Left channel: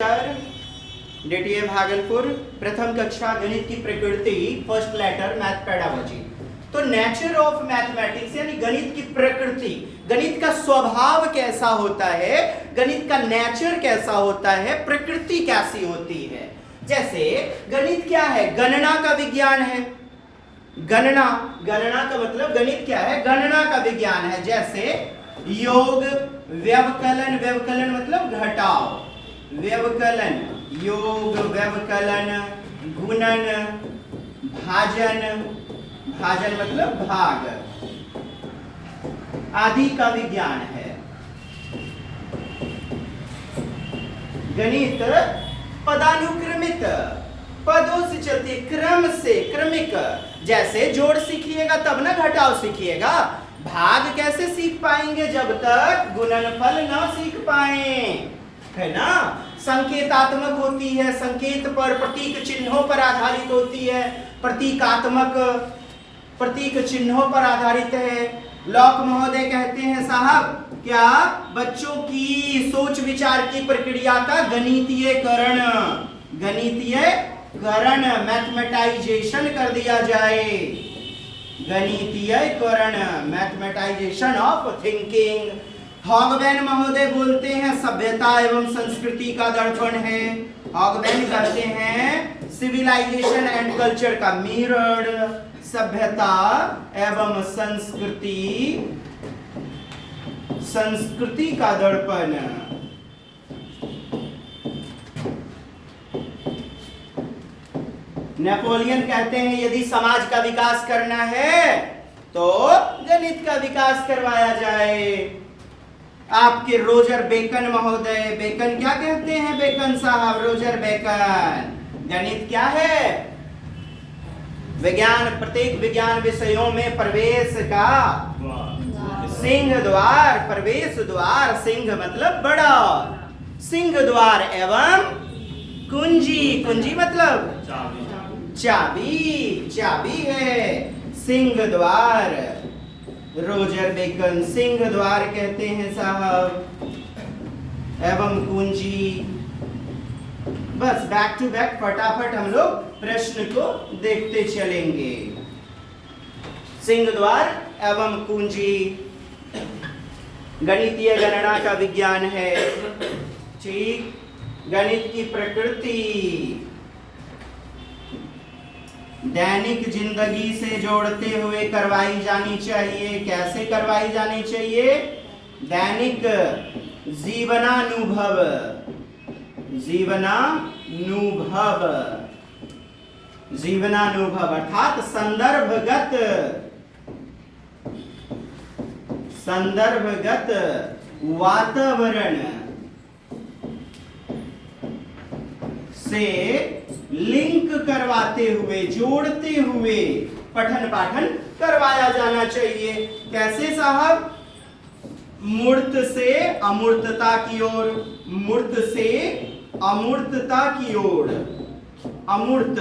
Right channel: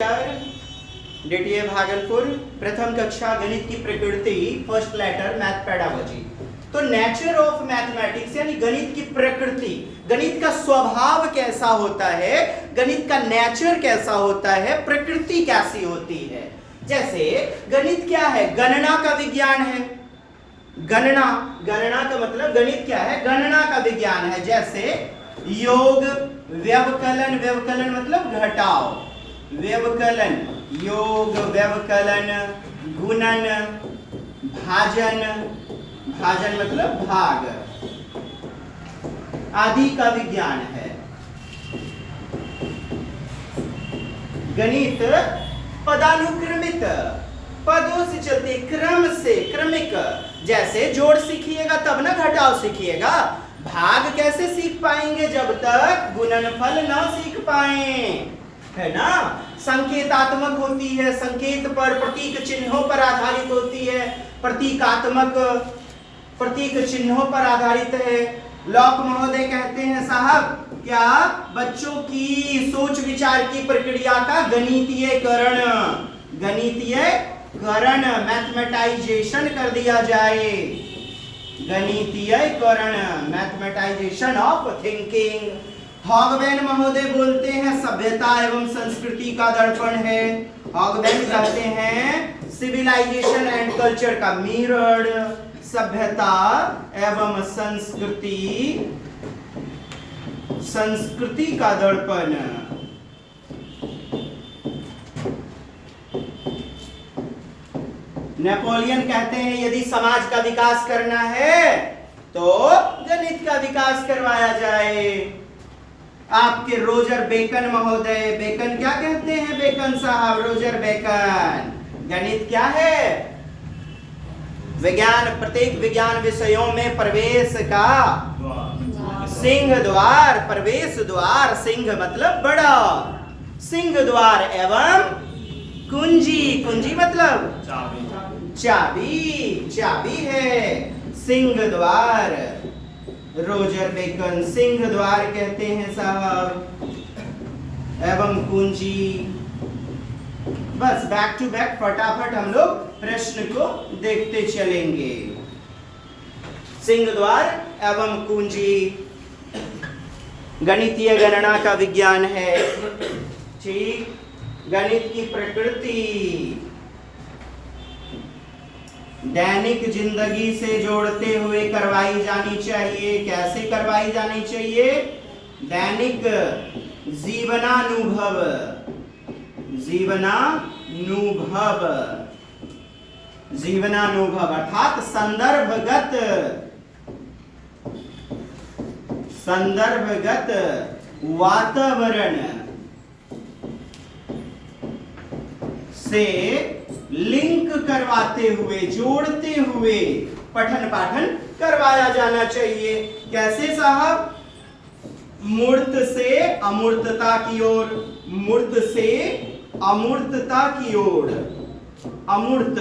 DTA Bhagalpur प्रथम कक्षा गणित की प्रकृति फर्स्ट लेटर मैथ पेडागोजी। तो नेचर ऑफ मैथमेटिक्स यानी गणित की प्रकृति, गणित का स्वभाव कैसा होता है, गणित का नेचर कैसा होता है, प्रकृति कैसी होती है। जैसे गणित क्या है, गणना का विज्ञान है। गणना का मतलब गणित क्या है, गणना का विज्ञान है। जैसे योग, व्यवकलन, व्यवकलन मतलब घटाव, व्यवकलन, योग, व्यवकलन, गुणन, भाजन, भाजन मतलब भाग आदि का विज्ञान है। गणित पदानुक्रमित, पदों से चलते, क्रम से, क्रमिक। जैसे जोड़ सीखिएगा तब ना घटाव सीखिएगा। भाग कैसे सीख पाएंगे जब तक गुणनफल ना सीख पाए, है ना। संकेतात्मक होती है, संकेत पर, प्रतीक चिन्हों पर आधारित होती है, प्रतीकात्मक, प्रतीक चिन्हों पर आधारित है। लॉक महोदय कहते हैं साहब क्या, बच्चों की सोच विचार की प्रक्रिया का गणितीयकरण, गणितीयकरण, मैथमेटाइजेशन कर दिया जाए। गणितीयकरण, मैथमेटाइजेशन ऑफ थिंकिंग। हॉगबैन महोदय बोलते हैं सभ्यता एवं संस्कृति का दर्पण है। हॉगबैन कहते हैं सिविलाइजेशन एंड कल्चर का मिरर, सभ्यता एवं संस्कृति, संस्कृति का दर्पण। नेपोलियन कहते हैं यदि समाज का विकास करना है तो गणित का विकास करवाया जाए। आपके रोजर बेकन महोदय, बेकन क्या कहते हैं, बेकन साहब, रोजर बेकन, गणित क्या है, विज्ञान, प्रत्येक विज्ञान विषयों में प्रवेश का सिंह द्वार, प्रवेश द्वार, सिंह मतलब बड़ा, सिंह द्वार एवं कुंजी, कुंजी मतलब चाबी, चाबी है, सिंह द्वार। रोजर बेकन सिंह द्वार कहते हैं साहब, एवं कुंजी। बस बैक टू बैक फटाफट हम लोग प्रश्न को देखते चलेंगे। सिंह द्वार एवं कुंजी गणितीय गणना का विज्ञान है। ठीक, गणित की प्रकृति दैनिक जिंदगी से जोड़ते हुए करवाई जानी चाहिए। कैसे करवाई जानी चाहिए, दैनिक जीवनानुभव, जीवनानुभव, जीवनानुभव अर्थात संदर्भगत, संदर्भगत वातावरण से लिंक करवाते हुए, जोड़ते हुए पठन पाठन करवाया जाना चाहिए। कैसे साहब, मूर्त से अमूर्तता की ओर, मूर्त से अमूर्तता की ओर, अमूर्त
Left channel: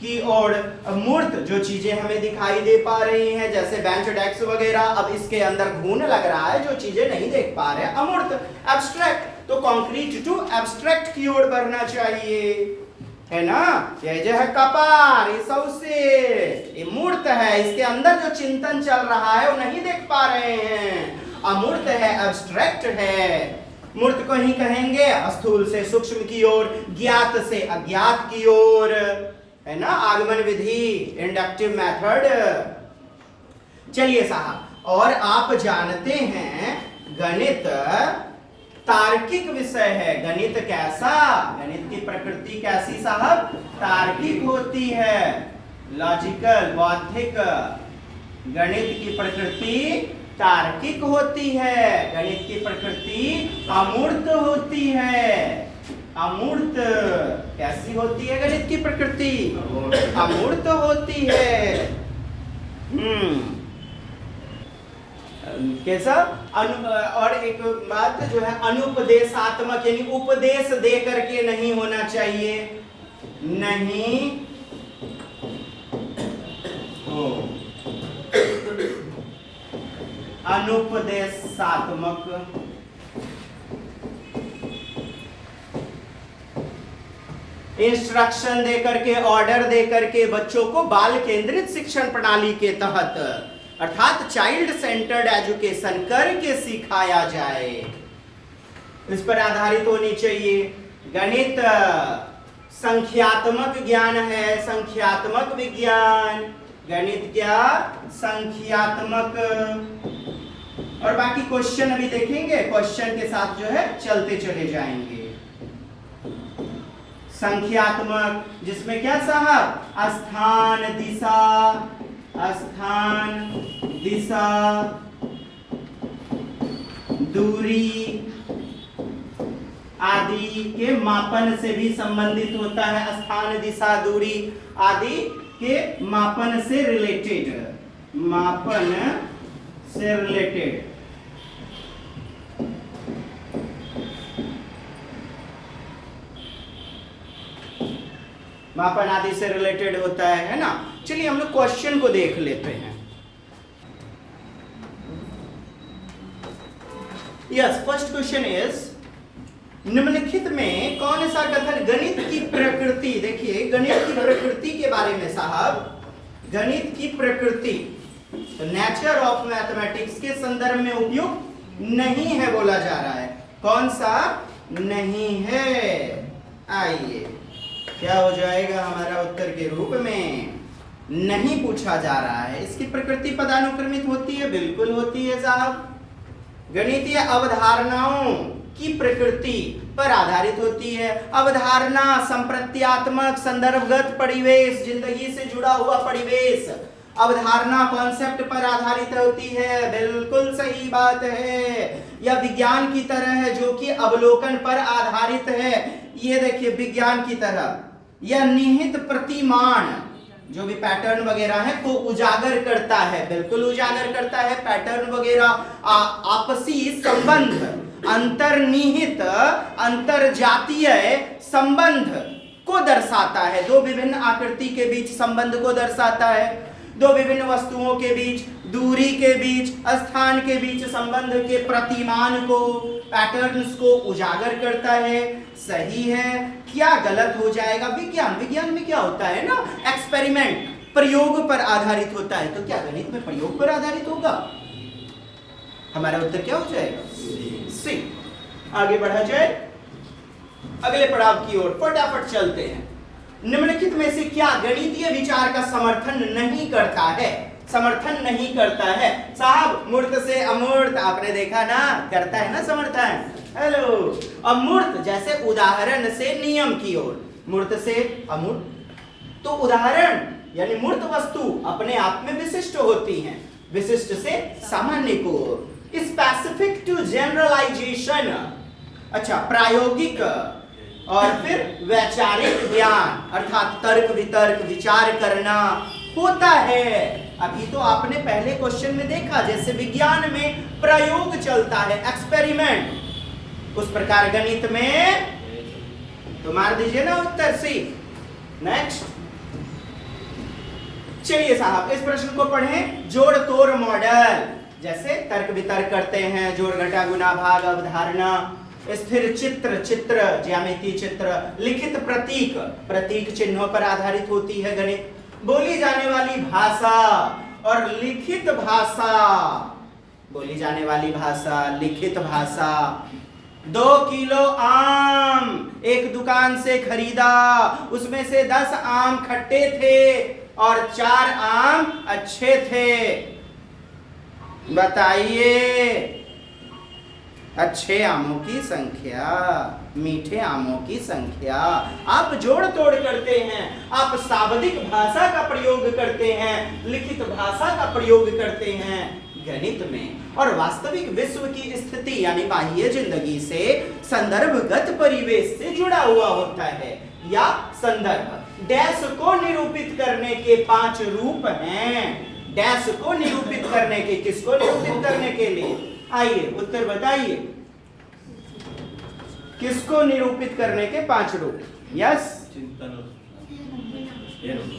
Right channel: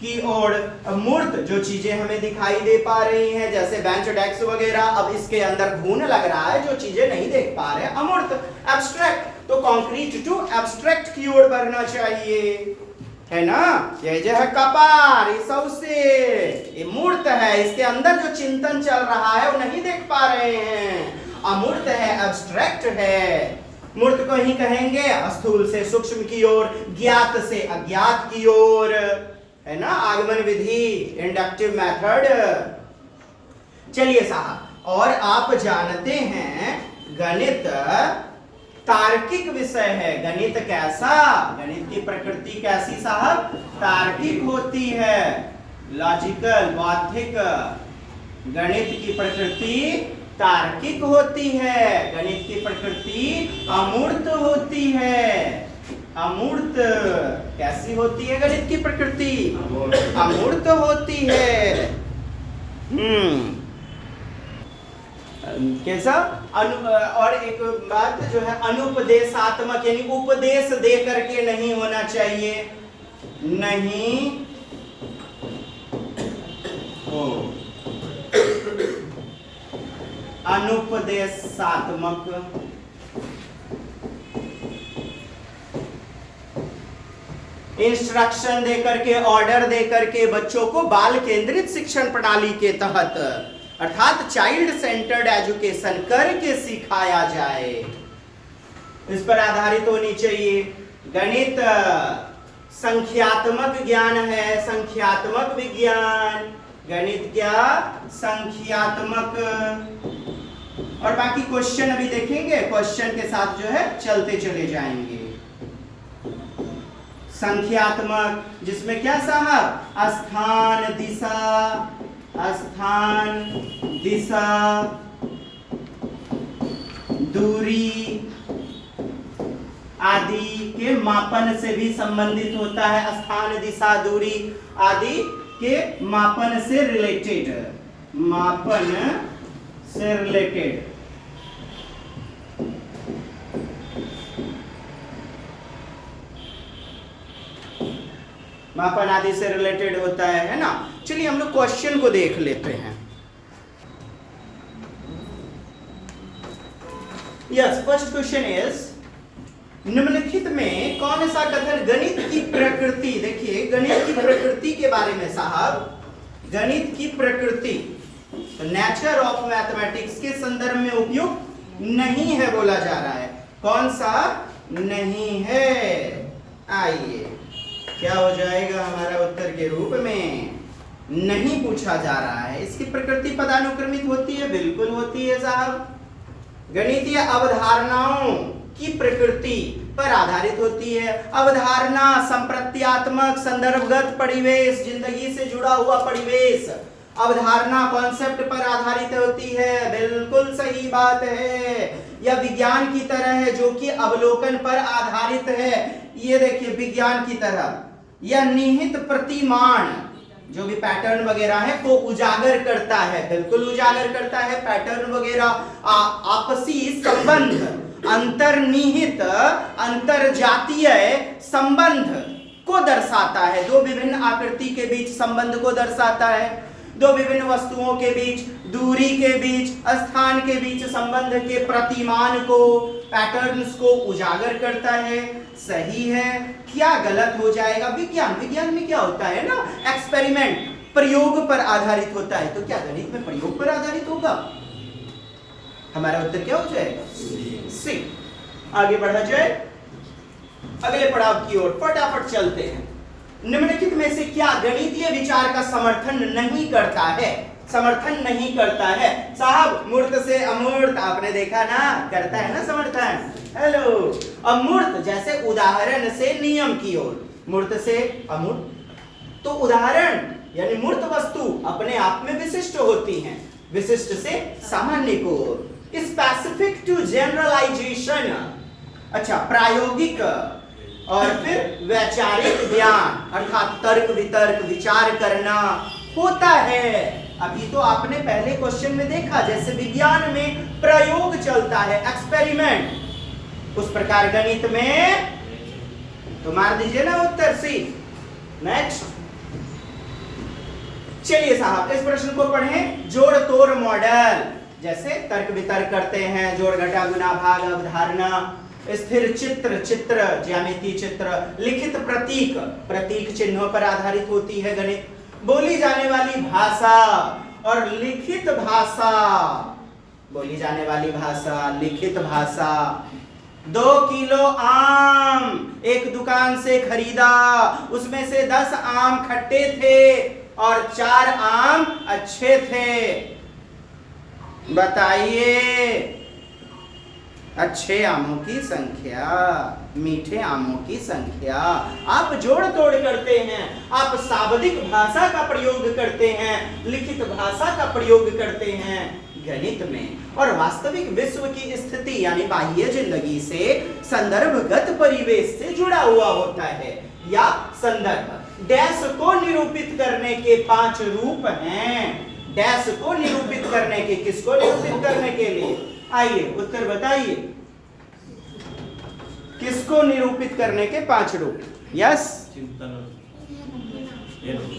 की ओर। मूर्त जो चीजें हमें दिखाई दे पा रही हैं, जैसे बेंच डेस्क वगैरह, अब इसके अंदर घून लग रहा है, जो चीजें नहीं देख पा रहे हैं, अमूर्त, एब्स्ट्रैक्ट। तो कॉन्क्रीट टू एब्स्ट्रैक्ट की ओर बढ़ना चाहिए, है ना। ये जो है कपार, ये सबसे ये मूर्त है, इसके अंदर जो चिंतन चल रहा है वो नहीं देख पा रहे हैं, अमूर्त है, एब्स्ट्रैक्ट है। मूर्त को ही कहेंगे स्थूल से सूक्ष्म की ओर, ज्ञात से अज्ञात की ओर, है ना। आगमन विधि, इंडक्टिव मेथड। चलिए साहब, और आप जानते हैं गणित तार्किक विषय है। गणित कैसा, गणित की प्रकृति कैसी साहब, तार्किक होती है, लॉजिकल, बौद्धिक। गणित की प्रकृति तार्किक होती है, गणित की प्रकृति अमूर्त होती है। अमूर्त कैसी होती है गणित की प्रकृति, अमूर्त होती है। कैसा, और एक बात जो है अनुपदेशात्मक, यानी उपदेश दे करके नहीं होना चाहिए, नहीं हो, अनुपदेशात्मक इंस्ट्रक्शन दे करके, ऑर्डर दे करके बच्चों को बाल केंद्रित शिक्षण प्रणाली के तहत अर्थात चाइल्ड सेंटर्ड एजुकेशन करके सिखाया जाए, इस पर आधारित होनी चाहिए। गणित संख्यात्मक ज्ञान है, संख्यात्मक विज्ञान। गणित क्या? संख्यात्मक। और बाकी क्वेश्चन अभी देखेंगे, क्वेश्चन के साथ जो है चलते चले जाएंगे। संख्यात्मक जिसमें क्या साहब? स्थान दिशा, दूरी आदि के मापन से भी संबंधित होता है। स्थान, दिशा, दूरी आदि के मापन से रिलेटेड, मापन आदि से रिलेटेड होता है ना। चलिए हम लोग क्वेश्चन को देख लेते हैं। यस, फर्स्ट क्वेश्चन इज, निम्नलिखित में कौन सा कथन गणित की प्रकृति, देखिए गणित की प्रकृति के बारे में साहब, गणित की प्रकृति नेचर ऑफ मैथमेटिक्स के संदर्भ में उपयुक्त नहीं है बोला जा रहा है। कौन सा नहीं है? आइए क्या हो जाएगा हमारा उत्तर के रूप में? नहीं पूछा जा रहा है। इसकी प्रकृति पदानुक्रमित होती है, बिल्कुल होती है साहब। गणितीय अवधारणाओं की प्रकृति पर आधारित होती है। अवधारणा संप्रत्यात्मक, संदर्भगत परिवेश, जिंदगी से जुड़ा हुआ परिवेश, अवधारणा कॉन्सेप्ट पर आधारित होती है। बिल्कुल सही बात है। यह विज्ञान की तरह है जो कि अवलोकन पर आधारित है। ये देखिए विज्ञान की तरह यह निहित प्रतिमान जो भी पैटर्न वगैरह है को उजागर करता है, बिल्कुल उजागर करता है। पैटर्न वगैरह आपसी संबंध, अंतर्निहित अंतरजातीय संबंध को दर्शाता है। दो विभिन्न आकृति के बीच संबंध को दर्शाता है। दो विभिन्न वस्तुओं के बीच, दूरी के बीच, स्थान के बीच संबंध के प्रतिमान को, पैटर्न्स को उजागर करता है। सही है। क्या गलत हो जाएगा? विज्ञान में क्या होता है ना, एक्सपेरिमेंट, प्रयोग पर आधारित होता है। तो क्या गणित में प्रयोग पर आधारित होगा? हमारा उत्तर क्या हो जाएगा? सी। आगे बढ़ा जाए अगले पड़ाव की ओर, फटाफट चलते हैं। निम्नलिखित में से क्या गणितीय विचार का समर्थन नहीं करता है? समर्थन नहीं करता है साहब। मूर्त से अमूर्त, आपने देखा ना, करता है ना समर्थन। हेलो। अमूर्त जैसे उदाहरण से नियम की ओर, मूर्त से अमूर्त। तो उदाहरण यानी मूर्त वस्तु अपने आप में विशिष्ट होती हैं, विशिष्ट से सामान्य को ओर। स्पेसिफिक टू जनरलाइजेशन, अच्छा प्रायोगिक और फिर वैचारिक ज्ञान अर्थात तर्क वितर्क विचार करना होता है। अभी तो आपने पहले क्वेश्चन में देखा जैसे विज्ञान में प्रयोग चलता है, एक्सपेरिमेंट, उस प्रकार गणित में तो मार दीजिए ना उत्तर सी। नेक्स्ट चलिए साहब इस प्रश्न को पढ़ें। जोड़ तोड़ मॉडल, जैसे तर्क वितर्क करते हैं, जोड़ घटा गुना भाग अवधारणा, स्थिर चित्र ज्यामिति चित्र, लिखित प्रतीक, प्रतीक चिन्हों पर आधारित होती है गणित। बोली जाने वाली भाषा और लिखित भाषा, बोली जाने वाली भाषा, लिखित भाषा। 2 किलो आम एक दुकान से खरीदा, उसमें से 10 आम खट्टे थे और 4 आम अच्छे थे। बताइए अच्छे आमों की संख्या, मीठे आमों की संख्या। आप जोड़ तोड़ करते हैं, आप शाब्दिक भाषा का प्रयोग करते हैं, लिखित भाषा का प्रयोग करते हैं गणित में। और वास्तविक विश्व की स्थिति यानी बाह्य जिंदगी से संदर्भगत परिवेश से जुड़ा हुआ होता है। या संदर्भ डैश को निरूपित करने के 5 रूप हैं। डैश को निरूपित करने के, किसको निरूपित करने के लिए? आइए उत्तर बताइए। किसको निरूपित करने के 5 रूप? यस,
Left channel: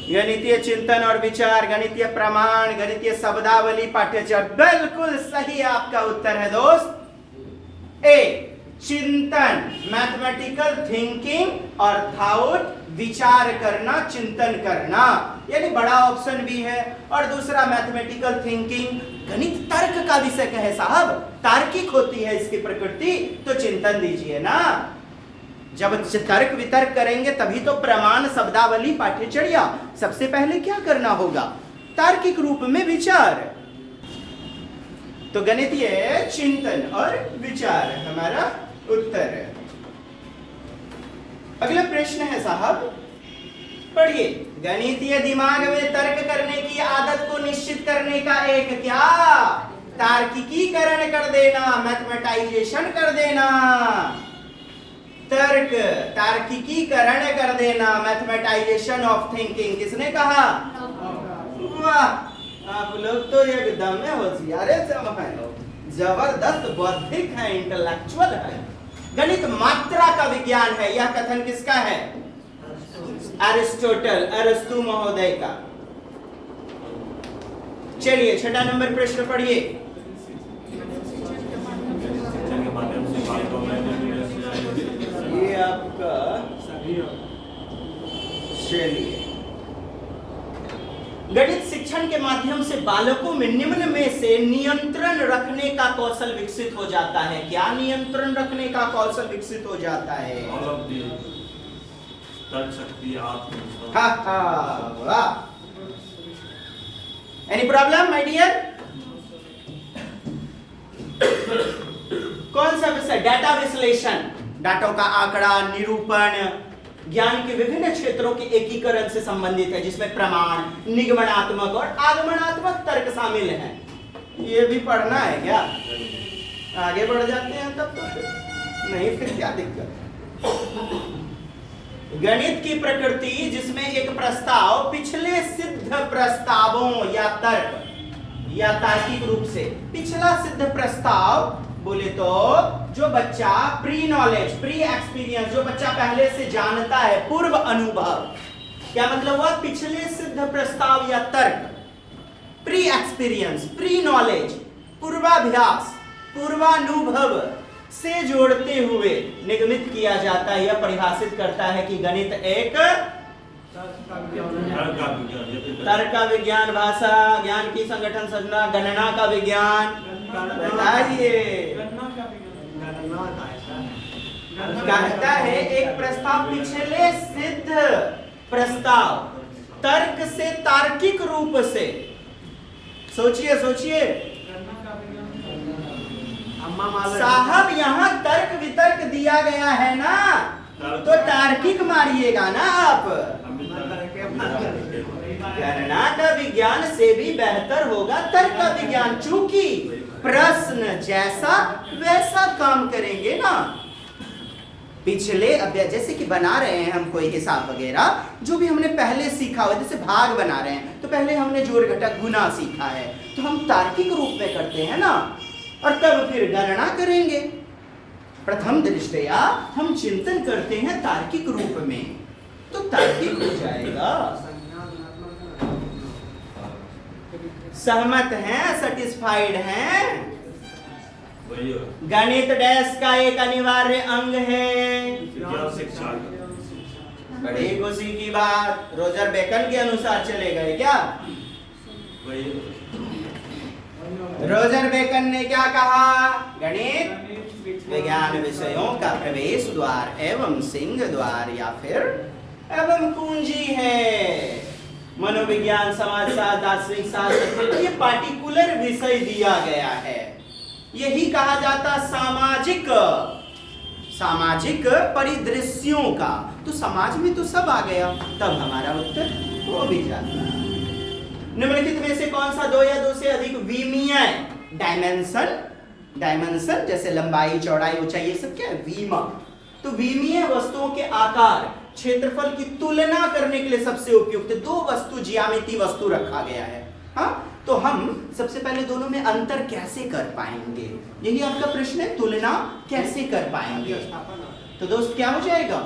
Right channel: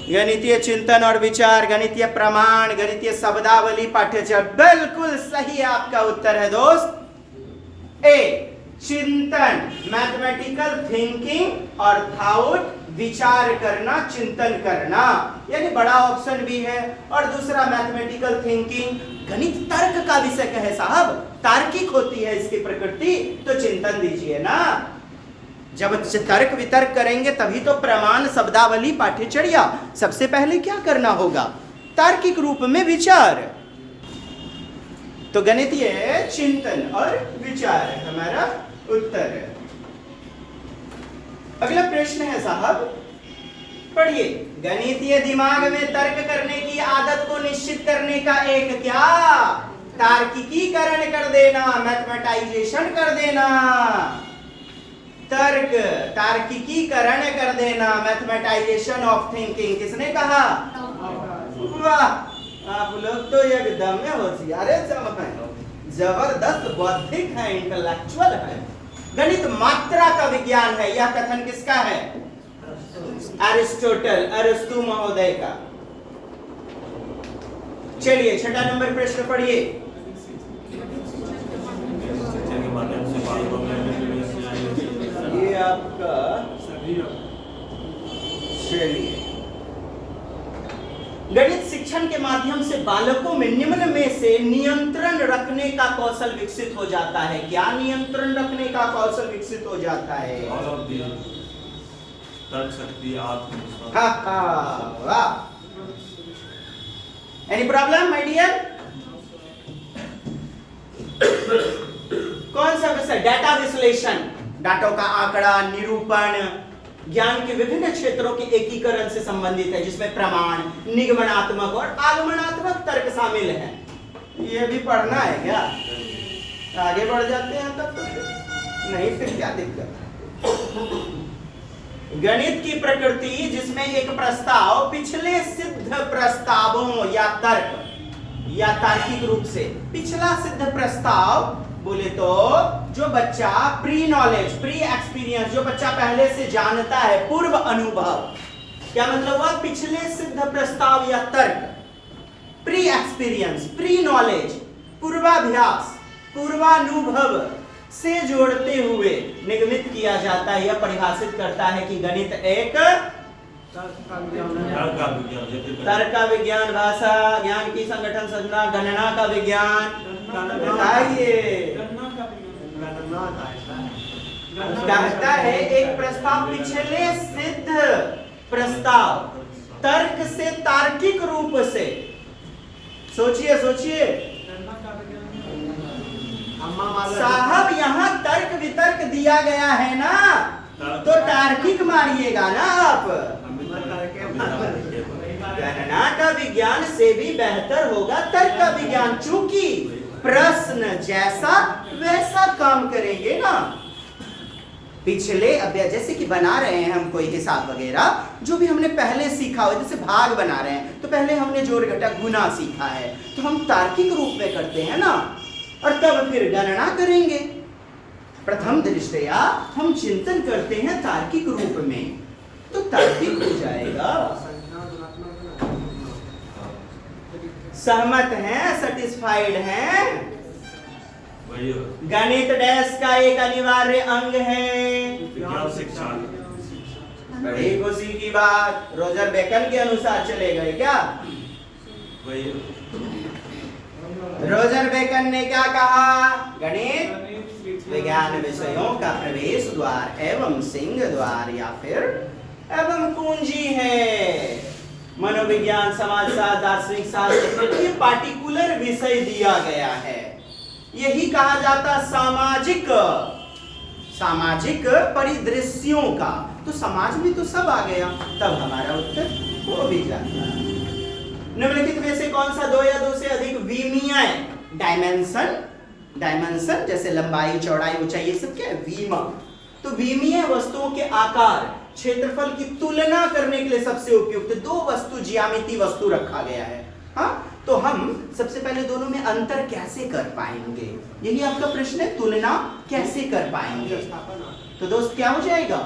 गणितीय चिंतन और विचार, गणितीय प्रमाण, गणितीय शब्दावली, पाठ्यचर्या। बिल्कुल सही आपका उत्तर है दोस्त। ए चिंतन, मैथमेटिकल थिंकिंग और थॉट, विचार करना, चिंतन करना, यानी बड़ा ऑप्शन भी है। और दूसरा मैथमेटिकल थिंकिंग, गणित तर्क का विषय है साहब, तार्किक होती है इसकी प्रकृति, तो चिंतन दीजिए ना। जब तर्क वितर्क करेंगे तभी तो प्रमाण, शब्दावली, पाठ्यचर्या, सबसे पहले क्या करना होगा? तार्किक रूप में विचार। तो गणितीय चिंतन और विचार हमारा उत्तर है। अगला प्रश्न है साहब, पढ़िए। गणितीय दिमाग में तर्क करने की आदत को निश्चित करने का एक क्या? तार्किकीकरण कर देना, मैथमेटाइजेशन कर देना। तर्क, तार्किकीकरण कर देना, मैथमेटाइजेशन ऑफ थिंकिंग, किसने कहा? वाह, आप लोग तो एकदम में होशियार है, जबरदस्त बौद्धिक है, इंटेलेक्चुअल है। गणित मात्रा का विज्ञान है, यह कथन किसका है? अरिस्टोटल, अरस्तु महोदय का। चलिए 6वां नंबर प्रश्न पढ़िए। ये आपका, चलिए, गणित शिक्षण के माध्यम से बालकों में निम्न में से नियंत्रण रखने का कौशल विकसित हो जाता है। क्या नियंत्रण रखने का कौशल विकसित हो जाता है? तर्क शक्ति, आत्मविश्वास। वाह। Any problem my dear? कौन सा विषय? डाटा विश्लेषण, डाटा का आंकड़ा, निरूपण, ज्ञान के विभिन्न क्षेत्रों के एकीकरण से संबंधित है, जिसमें प्रमाण, निगमनात्मक और आगमनात्मक तर्क शामिल हैं। ये भी पढ़ना है क्या? आगे बढ़ जाते हैं तब तो नहीं, फिर क्या दिक्कत? गणित की प्रकृति, जिसमें एक प्रस्ताव पिछले सिद्ध प्रस्तावों या तर्क या तार्किक रूप से, पिछला सिद्ध प्रस्ताव बोले तो जो बच्चा प्री नॉलेज, प्री एक्सपीरियंस, जो बच्चा पहले से जानता है, पूर्व अनुभव, क्या मतलब हुआ? पिछले सिद्ध प्रस्ताव या तर्क, प्री एक्सपीरियंस, प्री नॉलेज, पूर्वाभ्यास, पूर्वानुभव से जोड़ते हुए निगमित किया जाता है। यह परिभाषित करता है कि गणित एक तर्क का विज्ञान, भाषा ज्ञान की संगठन संरचना, गणना का विज्ञान। कहता है एक प्रस्ताव पिछले सिद्ध प्रस्ताव, तर्क से, तार्किक रूप से, सोचिए सोचिए साहब, यहाँ तर्क वितर्क दिया गया है ना, तो तार्किक मारिएगा ना आप। गणना का विज्ञान से भी बेहतर होगा तर्क का विज्ञान, चूंकि प्रश्न जैसा वैसा काम करेंगे ना। पिछले अध्याय जैसे कि बना रहे हैं हम कोई हिसाब वगैरह, जो भी हमने पहले सीखा हो, जैसे भाग बना रहे हैं तो पहले हमने जोड़ घटाव गुना सीखा है, तो हम तार्किक रूप में करते हैं ना, और तब फिर गणना करेंगे। प्रथम दृष्टया हम चिंतन करते हैं तार्किक रूप में, तो तार्किक हो जाएगा। सहमत हैं, सेटिस्फाइड हैं? गणित डैश का एक अनिवार्य अंग है। बड़ी खुशी की बात, रोजर बेकन के अनुसार चलेगा क्या? रोजर बेकन ने क्या कहा? गणित विज्ञान विषयों का प्रवेश द्वार एवं सिंह द्वार या फिर एवं कुंजी है। मनोविज्ञान, समाजशास्त्र, दार्शनिक शास्त्र, ये पार्टिकुलर विषय दिया गया है। यही कहा जाता सामाजिक, सामाजिक परिदृश्यों का। तो समाज में तो सब आ गया, तब हमारा उत्तर हो भी जाता। निम्नलिखित में से कौन सा दो या दो से अधिक विमीय डायमेंशन, डायमेंशन जैसे लंबाई, चौड़ाई, ऊंचाई, ये सब क्या है? विमा। तो विमीय वस्तुओं के आकार, क्षेत्रफल की तुलना करने के लिए सबसे उपयुक्त दो वस्तु, ज्यामिति वस्तु रखा गया है। हाँ, तो हम सबसे पहले दोनों में अंतर कैसे कर पाएंगे? यही आपका प्रश्न है, तुलना कैसे कर पाएंगे? तो दोस्त क्या हो जाएगा?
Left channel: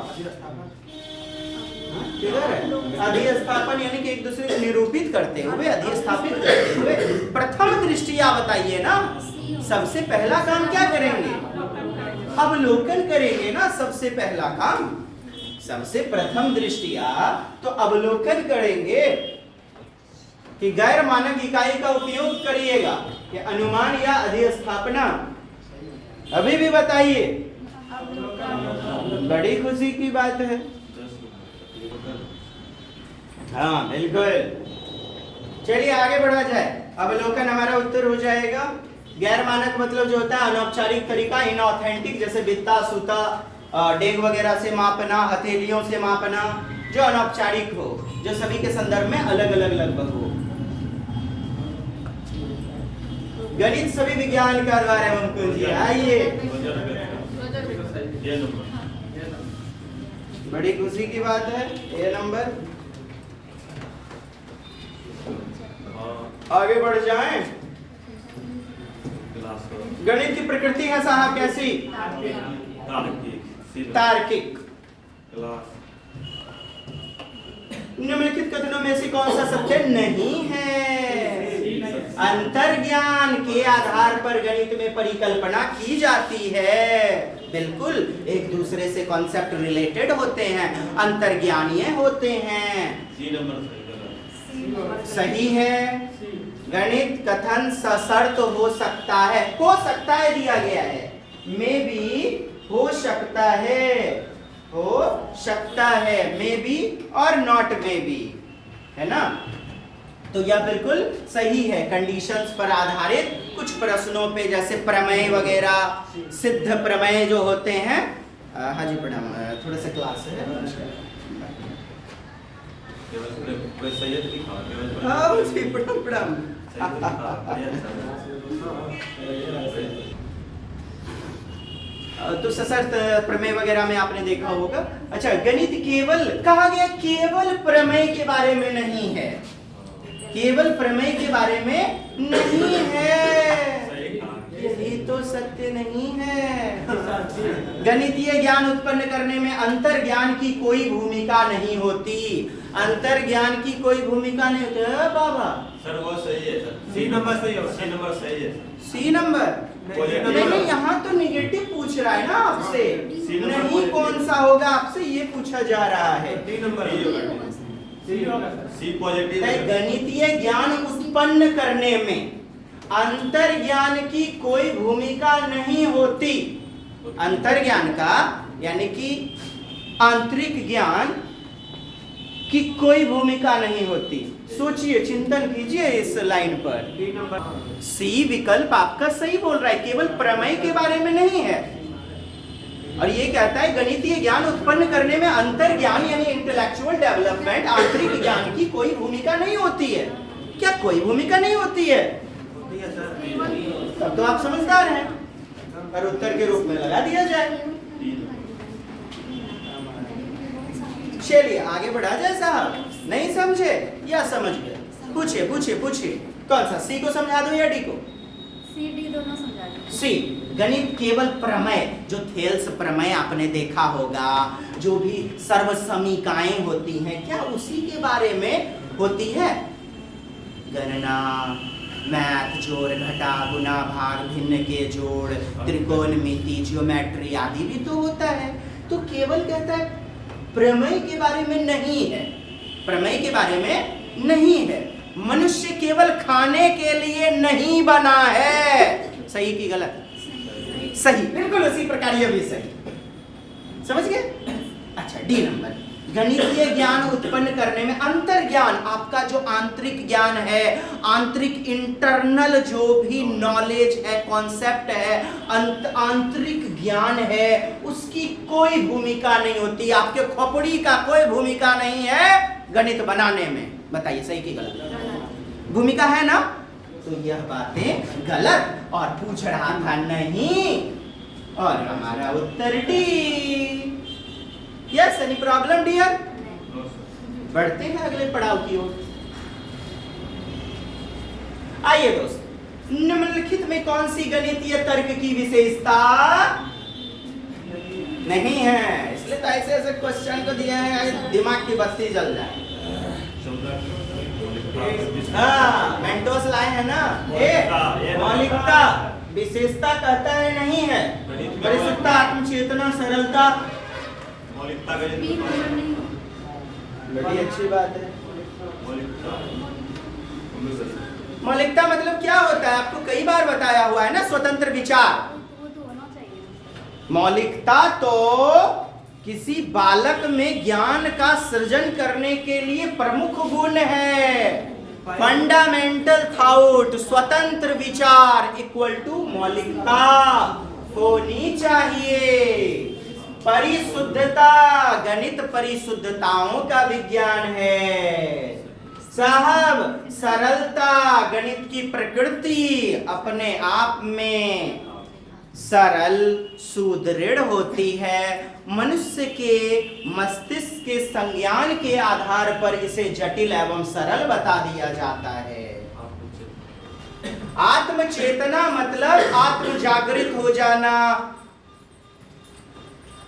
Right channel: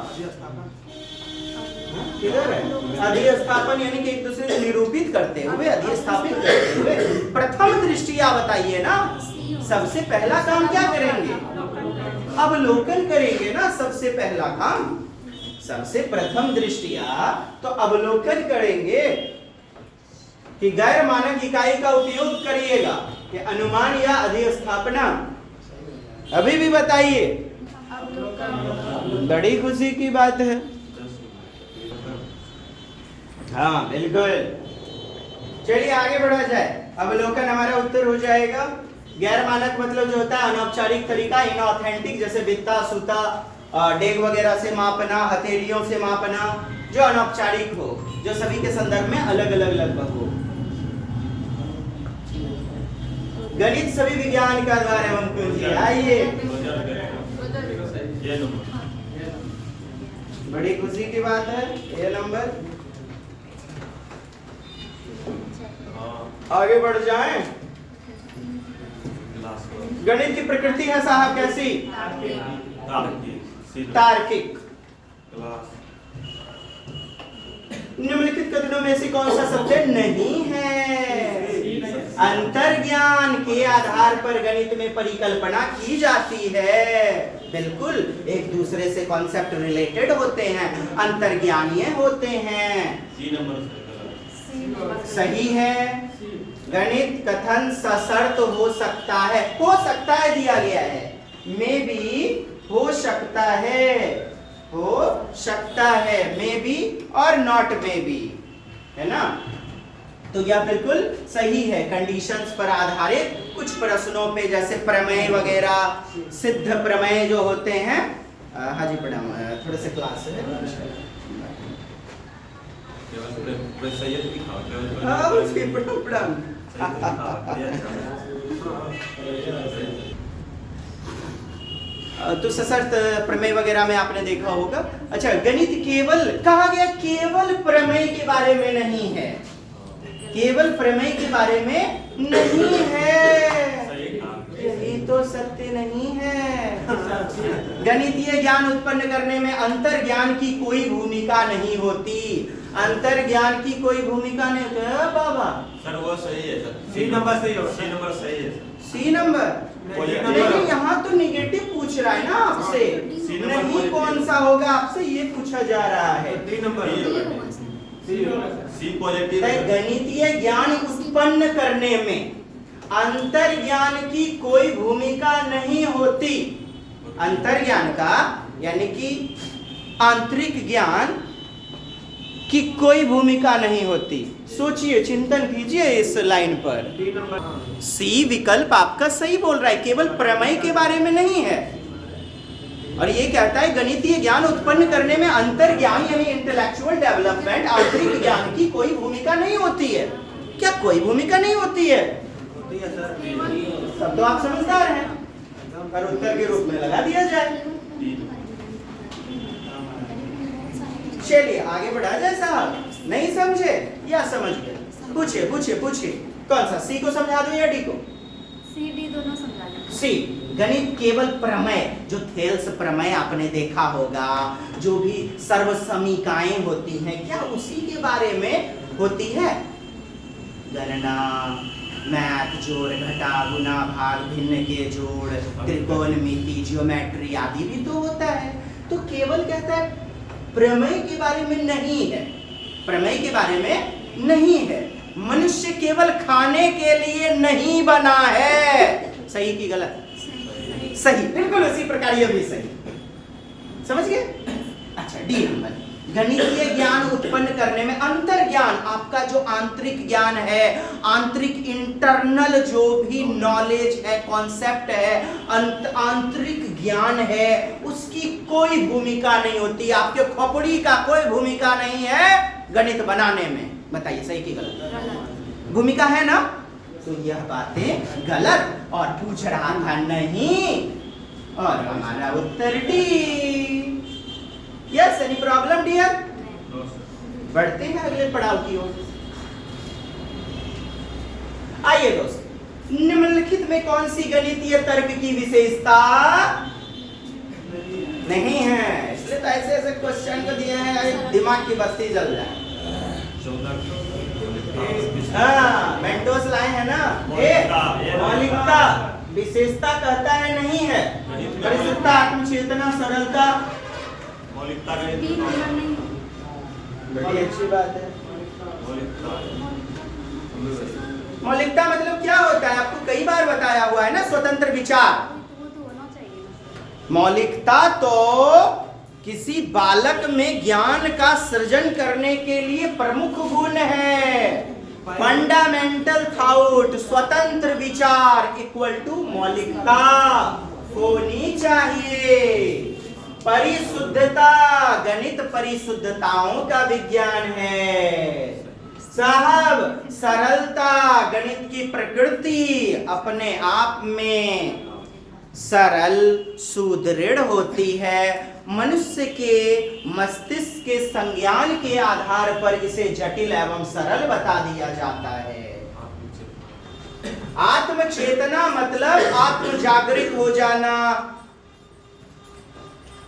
अधिस्थापन, यानी कि एक दूसरे को निरूपित करते हुए, अधिस्थापित करते हुए। प्रथम दृष्टया बताइए ना, सबसे पहला काम क्या करेंगे? अवलोकन करेंगे ना, सबसे पहला काम, सबसे प्रथम दृष्टिया तो अवलोकन करेंगे कि गैर मानक इकाई का उपयोग करिएगा कि अनुमान या अधिस्थापना। अभी भी बताइए, बड़ी खुशी की बात है। हाँ बिल्कुल, चलिए आगे बढ़ा जाए। अवलोकन हमारा उत्तर हो जाएगा। गैर मानक मतलब जो होता है अनौपचारिक तरीका, इनऑथेंटिक, जैसे बित्ता सूता डेग वगैरह से मापना, हथेलियों से मापना, जो अनौपचारिक हो, जो सभी के संदर्भ में अलग अलग लगभग हो। गणित सभी विज्ञान का आधार है अंकुल जी, आइए। बड़ी खुशी की बात है, ये नंबर। आगे बढ़ जाएं। गणित की प्रकृति है साहब कैसी? तार्किक। निम्नलिखित कथनों में से कौन सा सत्य नहीं है? अंतर्ज्ञान के आधार पर गणित में परिकल्पना की जाती है। बिल्कुल, एक दूसरे से कॉन्सेप्ट रिलेटेड होते हैं, अंतर्ज्ञानीय होते हैं। सही है। गणित कथन सशर्त हो सकता है दिया गया है, मे भी हो सकता है, मे बी और नॉट मे बी, है ना। तो यह बिल्कुल सही है। कंडीशंस पर आधारित कुछ प्रश्नों पे, जैसे प्रमेय वगैरह, सिद्ध प्रमेय जो होते हैं। हाँ जी प्रणाम, थोड़ा सा क्लास है। तो सशर्त प्रमेय वगैरह में आपने देखा होगा। अच्छा, गणित केवल कहा गया, केवल प्रमेय के बारे में नहीं है, केवल प्रमेय के बारे में नहीं है, यही तो सत्य नहीं है। गणितीय ज्ञान उत्पन्न करने में अंतर्ज्ञान की कोई भूमिका नहीं होती, अंतर्ज्ञान की कोई भूमिका नहीं होती। बाबा सर वो सही है सर, सी नंबर सही होगा, सी नंबर सही है। सी नंबर नहीं, यहाँ तो नेगेटिव पूछ रहा है ना आपसे, नहीं कौन सा होगा आपसे ये पूछा जा रहा है। D number C positive. गणितीय ज्ञान उत्पन्न करने में अंतर्ज्ञान की कोई भूमिका नहीं होती। अंतर्ज्ञान का यानी कि आंतरिक ज्ञान की कोई भूमिका नहीं होती। सोचिए, चिंतन कीजिए इस लाइन पर। सी विकल्प आपका सही बोल रहा है, केवल प्रमेय के बारे में नहीं है। और ये कहता है गणितीय ज्ञान उत्पन्न करने में अंतर्ज्ञान यानी इंटेलेक्चुअल डेवलपमेंट, आंतरिक ज्ञान की कोई भूमिका नहीं होती है। क्या कोई भूमिका नहीं होती है? तब तो आप समझदार हैं, और उत्तर के रूप में लगा दिया जाए। चलिए आगे बढ़ा जाए साहब। नहीं समझे या समझ गए? पूछिए पूछिए पूछिए, कौन सा, सी को समझा दूं या डी को? सी डी दोनों समझा दीजिए। सी, गणित केवल प्रमेय, जो थेल्स प्रमेय आपने देखा होगा, जो भी सर्वसमीकाएं होती हैं, क्या उसी के बारे में होती है? गणना, मैथ, जोड़ घटा, गुना भाग, भिन्न के जोड़, त्रिकोणमिति, ज्योमेट्री आदि भी तो होता है। तो केवल कहता है प्रमेय के बारे में नहीं है, प्रमेय के बारे में नहीं है। मनुष्य केवल खाने के लिए नहीं बना है। सही की गलत? सही, बिल्कुल उसी प्रकार ये भी सही। समझ गए? अच्छा, डी नंबर, गणितीय ज्ञान उत्पन्न करने में अंतर्ज्ञान, आपका जो आंतरिक ज्ञान है, आंतरिक इंटरनल जो भी नॉलेज है, कॉन्सेप्ट है, आंतरिक ज्ञान है, उसकी कोई भूमिका नहीं होती। आपके खोपड़ी का कोई भूमिका नहीं है गणित बनाने में। बताइए सही की गलत? भूमिका है ना? तो यह बातें गलत, और पूछ रहा था नहीं, और हमारा उत्तर D. Yes, any problem dear? बढ़ते हैं अगले पड़ाव की ओर। आइए दोस्त, निम्नलिखित में कौन सी गणितीय तर्क की विशेषता नहीं है? इसलिए तो ऐसे ऐसे क्वेश्चन को दिया है, दिमाग की बत्ती जल जाए। हाँ, मेंटोस लाए हैं ना, मौलिकता, विशेषता कहता है नहीं है, परिशुद्धता, आत्मचेतना, सरलता, मौलिकता बी गणित नंबर नहीं होगा। बड़ी अच्छी बात है। मौलिकता मौलिकता मतलब क्या होता है, आपको कई बार बताया हुआ है ना, स्वतंत्र विचार। वो तो होना चाहिए। मौलिकता तो किसी बालक में ज्ञान का सृजन करने के लिए प्रमुख गुण है। फंडामेंटल थॉट, स्वतंत्र विचार इक्वल टू मौलिकता होनी चाहिए। परिशुद्धता, गणित परिशुद्धताओं का विज्ञान है साहब। सरलता, गणित की प्रकृति अपने आप में सरल सुदृढ़ होती है। मनुष्य के मस्तिष्क के संज्ञान के आधार पर इसे जटिल एवं सरल बता दिया जाता है। आत्मचेतना मतलब आत्म जागृत हो जाना।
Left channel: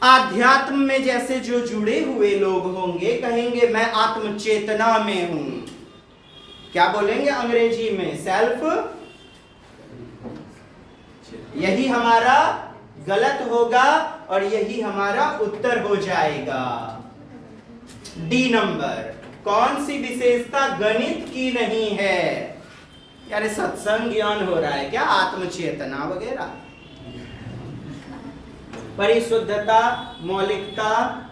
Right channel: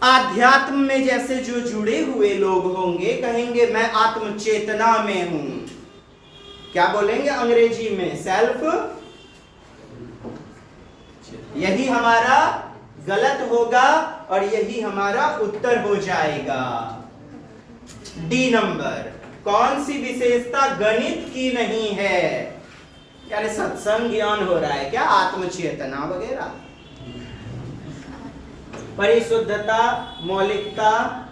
आध्यात्म में जैसे जो जुड़े हुए लोग होंगे कहेंगे मैं आत्मचेतना में हूं। क्या बोलेंगे अंग्रेजी में? सेल्फ। यही हमारा गलत होगा और यही हमारा उत्तर हो जाएगा। डी नंबर, कौन सी विशेषता गणित की नहीं है? यानी सत्संग ज्ञान हो रहा है क्या? आत्मचेतना वगैरह। परिशुद्धता, मौलिकता,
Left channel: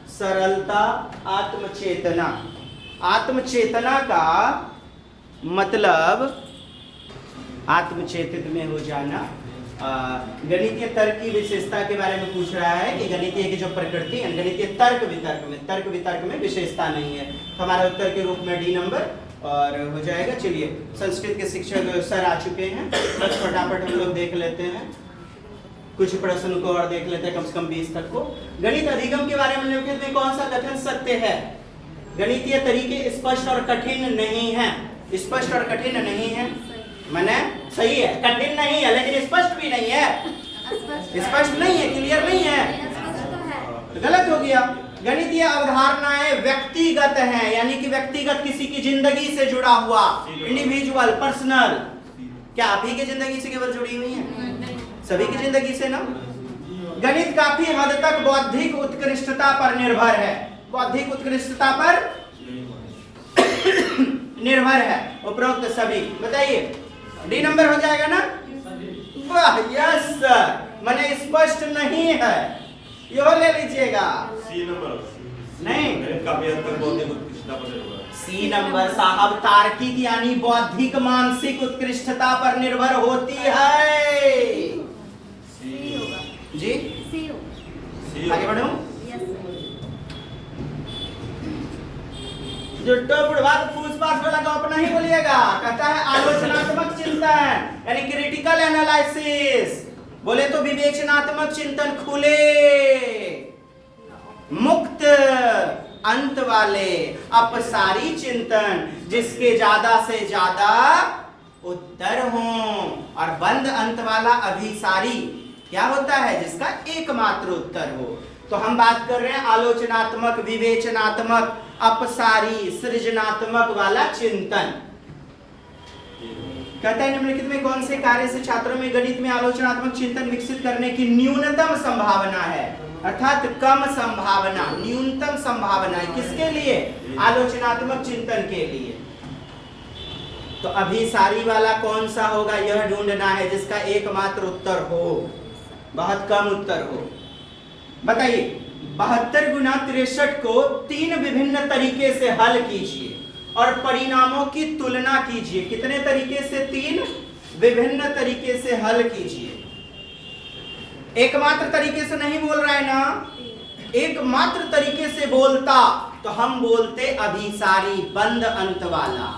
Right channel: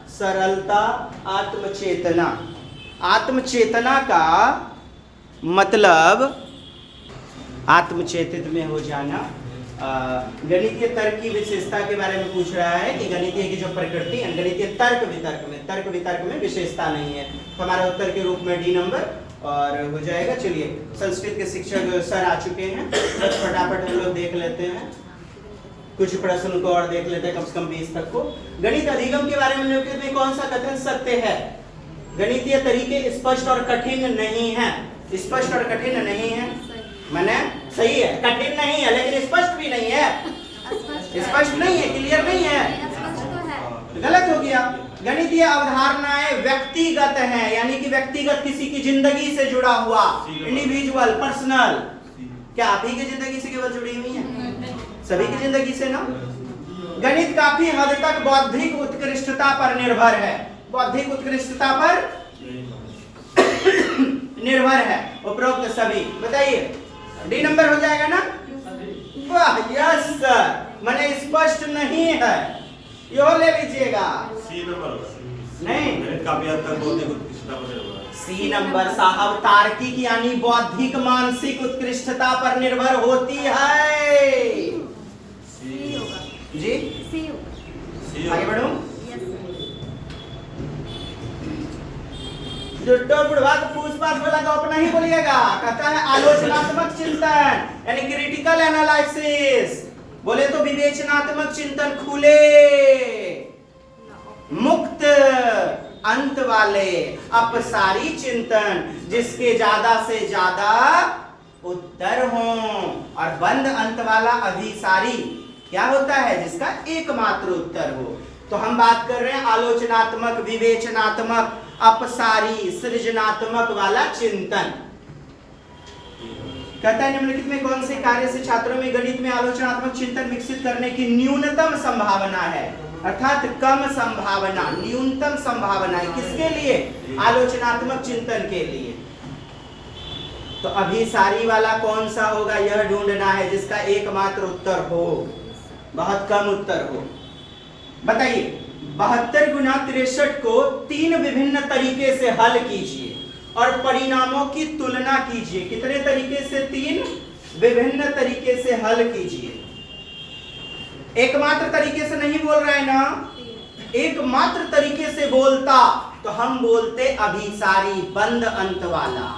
सरलता, आत्मचेतना। आत्मचेतना का मतलब आत्मचेतित में हो जाना। गणितीय तर्क की विशेषता के बारे में पूछ रहा है कि गणितीय की जो प्रकृति है, गणितीय तर्क वितर्क में विशेषता नहीं है। तो हमारे उत्तर के रूप में डी नंबर और हो जाएगा। चलिए, संस्कृत के शिक्षक सर आ चुके हैं, बस फटाफट हम लोग देख लेते हैं, कुछ प्रश्न को और देख लेते हैं, कम से कम 20 तक को। गणित अधिगम के बारे में निम्नलिखित में कौन सा कथन सत्य है? गणितीय तरीके स्पष्ट और कठिन नहीं है। स्पष्ट और कठिन नहीं है माने सही है, कठिन नहीं है लेकिन स्पष्ट भी नहीं है। स्पष्ट नहीं है, क्लियर नहीं है, तो गलत हो गया। गणितीय अवधारणाएं व्यक्तिगत हैं, यानी कि व्यक्तिगत, किसी की जिंदगी से जुड़ा हुआ, इंडिविजुअल, पर्सनल। क्या आप ही की जिंदगी से केवल जुड़ी हुई है? सभी की जिंदगी से ना। गणित काफी हद तक बौद्धिक उत्कृष्टता पर निर्भर है। बौद्धिक उत्कृष्टता पर निर्भर है उपरोक्त सभी। बताइए, डी नंबर हो जाएगा ना? वाह, यस सर। माने स्पष्ट नहीं है, यो ले लीजिएगा। सी नंबर नहीं, काफी हद तक बौद्धिक उत्कृष्टता पर निर्भर है। सी नंबर साहब तार्किक यानी बौद्धिक मानसिक उत्कृष्टता पर निर्भर होती है। सी होगा। जी, सी होगा। सी आगे बढ़ूं? यस। जुट्टो बुढ़वा तो पूछ पाछ वाला गप नहीं बोलिएगा। कहता है आलोचनात्मक चिंतन यानी क्रिटिकल एनालिसिस। बोले तो विवेचनात्मक चिंतन खुले मुक्त अंत वाले अपसारी चिंतन, जिसके ज्यादा से ज्यादा उत्तर हों, और बंद अंत वाला अभिसारी क्या होता है? जिसका एकमात्र उत्तर हो। तो हम बात कर रहे हैं आलोचनात्मक, विवेचनात्मक, अपसारी, सृजनात्मक वाला चिंतन। कहता है निम्नलिखित में कौन से कार्य से छात्रों में गणित में आलोचनात्मक चिंतन विकसित करने की न्यूनतम संभावना है? अर्थात कम संभावना, न्यूनतम संभावना है किसके लिए? आलोचनात्मक चिंतन के लिए। तो अभिसारी वाला कौन सा होगा यह ढूंढना है, जिसका एकमात्र उत्तर हो, बहुत कम उत्तर हो। बताइए, 72 गुना 63 को 3 विभिन्न तरीके से हल कीजिए और परिणामों की तुलना कीजिए। कितने तरीके से? 3 विभिन्न तरीके से हल कीजिए। एकमात्र तरीके से नहीं बोल रहा है ना, एकमात्र तरीके से बोलता तो हम बोलते अभिसारी, बंद अंत वाला।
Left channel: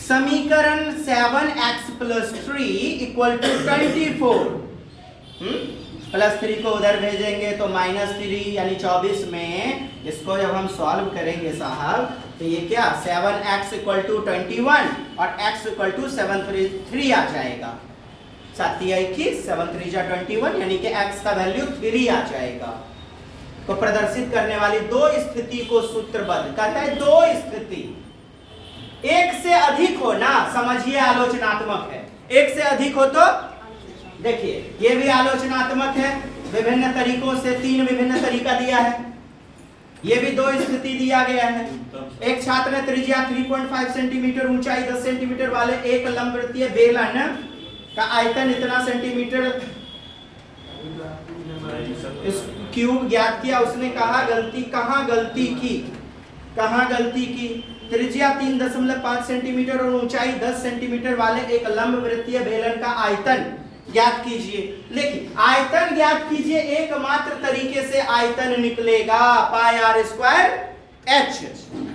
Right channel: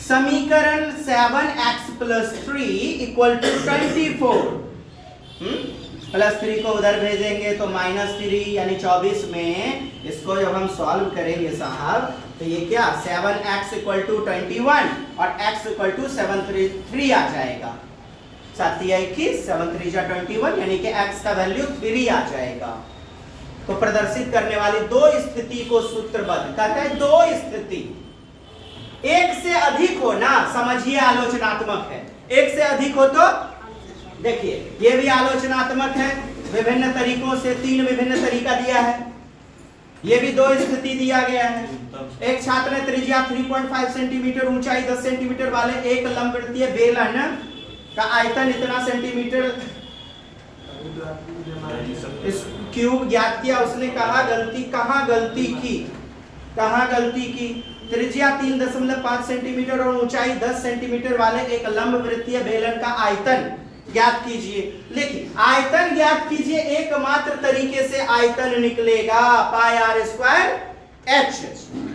समीकरण 7x + 3 = 24। +3 को उधर भेजेंगे तो -3 यानी 24 में इसको जब हम सॉल्व करेंगे साहब, तो ये क्या 7x = 21 और x = 7 आ जाएगा। 7 21, 7 3 21 यानी कि x का वैल्यू 3 आ जाएगा। तो प्रदर्शित करने वाली 2 स्थिति को सूत्रबद्ध करता है। 2 स्थिति, एक से अधिक हो ना, समझिए आलोचनात्मक है। एक से अधिक हो तो देखिए ये भी आलोचनात्मक है, विभिन्न तरीकों से 3 विभिन्न तरीका दिया है। ये भी 2 स्थिति दिया गया है। एक छात्र ने त्रिज्या 3.5 सेंटीमीटर, ऊंचाई 10 सेंटीमीटर वाले एक लंबवृत्तीय बेलन का आयतन इतना सेंटीमीटर इस क्यूब ज्ञात किया। उसने कहा कहाँ गलती की? त्रिज्या 3.5 सेंटीमीटर और ऊंचाई 10 सेंटीमीटर वाले एक लंबवृत्तीय बेलन का आयतन ज्ञात कीजिए। देखिए आयतन ज्ञात कीजिए, एकमात्र तरीके से आयतन निकलेगा पाई आर स्क्वायर एच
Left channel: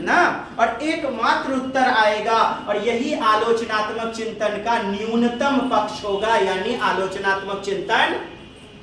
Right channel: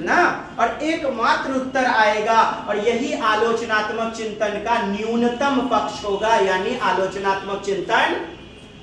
ना, और एकमात्र उत्तर आएगा। और यही आलोचनात्मक चिंतन का न्यूनतम पक्ष होगा, यानी आलोचनात्मक चिंतन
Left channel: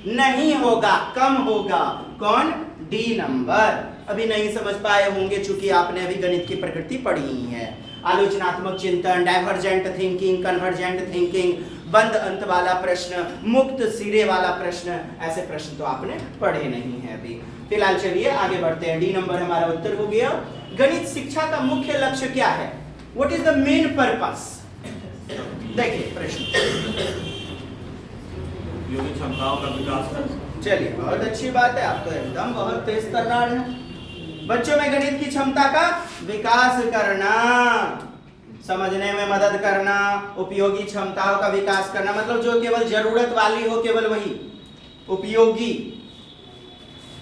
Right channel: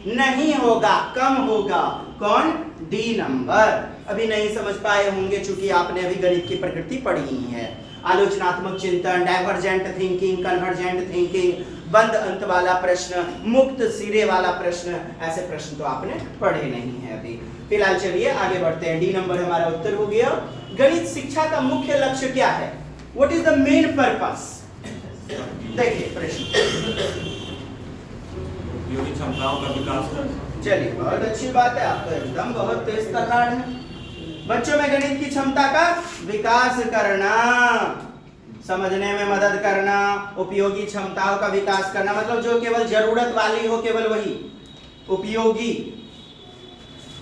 नहीं होगा, कम होगा। कौन? D number. अभी नहीं समझ पाए होंगे चूंकि आपने अभी गणित की प्रकृति पढ़ी ही है। आलोचनात्मक चिंतन, डाइवर्जेंट थिंकिंग, कन्वर्जेंट थिंकिंग, बंद अंत वाला प्रश्न, मुक्त सिरे वाला प्रश्न, ऐसे प्रश्न तो आपने पढ़े नहीं है अभी। फिलहाल चलिए आगे बढ़ते हैं। डी नंबर हमारा उत्तर हो गया। गणित शिक्षा का मुख्य लक्ष्य क्या है? What is the main purpose? देखिए प्रश्न। योगी क्षमताओं का विकास करना। चलिए बहुत अच्छी बात है, आप तो एकदम बहुत तेज तर्रार हैं। बच्चों में गणित की क्षमता का विकास करना, समझने में मदद करना, उपयोगी क्षमताओं का विकास करना, मतलब जो केवल जरूरत वाली हो केवल वही उपयोगी।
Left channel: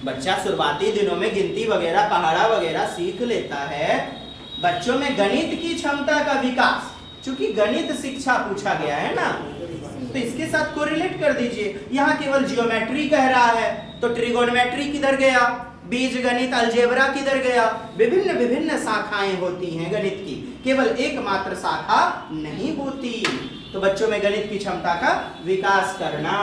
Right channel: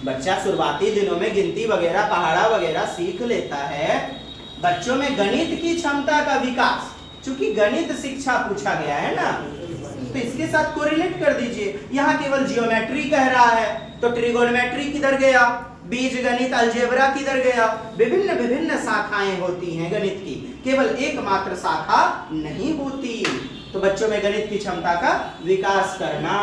बच्चा शुरुआती दिनों में गिनती वगैरह पहाड़ा वगैरह सीख लेता है। बच्चों में गणित की क्षमता का विकास, चूंकि गणित शिक्षा पूछा गया है ना, तो इसके साथ कोरिलेट कर दीजिए। यहाँ केवल जियोमेट्री कह रहा है तो ट्रिगोनोमेट्री किधर गया, बीज गणित अलजेब्रा किधर गया। विभिन्न विभिन्न शाखाएं होती हैं गणित की, केवल एकमात्र शाखा नहीं होती। तो बच्चों में गणित की क्षमता का विकास करना।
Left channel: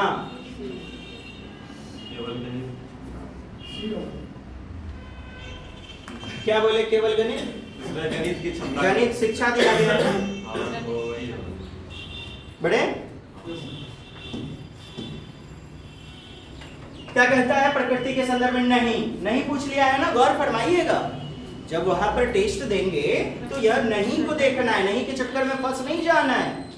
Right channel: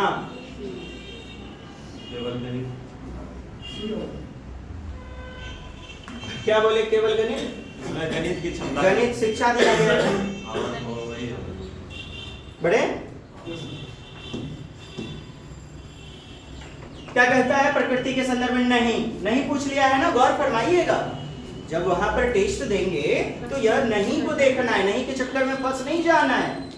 क्या बोले? केवल गणित की क्षमता, गणित शिक्षा दिया गया बड़े। क्या कहता है प्रकृति के संदर्भ में? नहीं पूछ लिया है ना, गौर फरमाइएगा। जब वहां पर टेस्ट देंगे तो यह नहीं को देखना है, नहीं के चक्कर में फंस नहीं जाना है।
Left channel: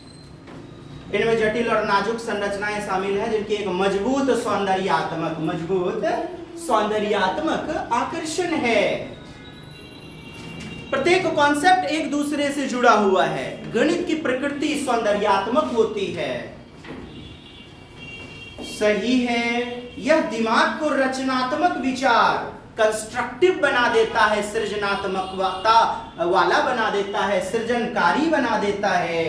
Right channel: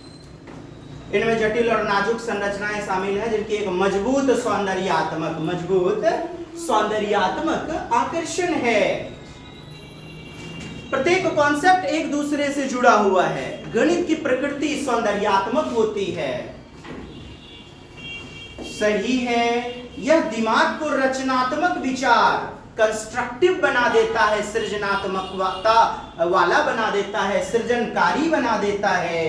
इनमें जटिल और नाजुक संरचनाएं शामिल है जिनकी एक मजबूत सौंदर्यात्मक आकर्षण है। प्रत्येक कॉन्सेप्ट एक दूसरे से जुड़ा हुआ है। गणित की प्रकृति सौंदर्यात्मक होती है। सही है। यह दिमाग को रचनात्मक विचार, कंस्ट्रक्टिव बना देता है, सृजनात्मकता वाला बना देता है, सृजनकारी बना देता है।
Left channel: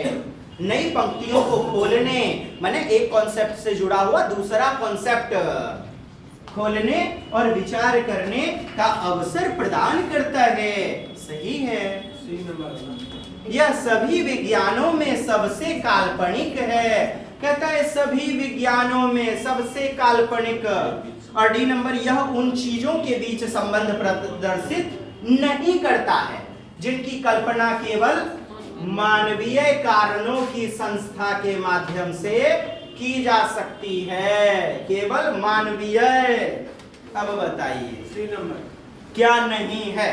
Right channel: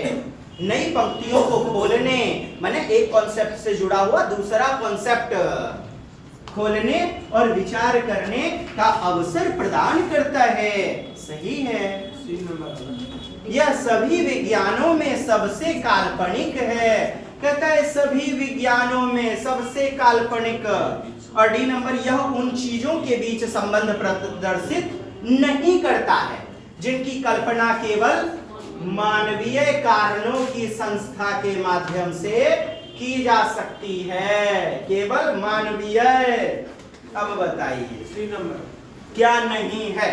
नई पंक्तियों को खोलने, माने एक कॉन्सेप्ट से जुड़ा हुआ दूसरा कॉन्सेप्ट खोलने और विचार करने का अवसर प्रदान करता है। सही है। यह सभी विज्ञानों में सबसे काल्पनिक है। कहता है सभी विज्ञानों में सबसे काल्पनिक। और डी नंबर, यह उन चीजों के बीच संबंध प्रदर्शित नहीं करता है जिनकी कल्पना केवल मानवीय कारणों की संस्था के माध्यम से की जा सकती है। केवल मानवीय। अब बताइए सी नंबर क्या नहीं है?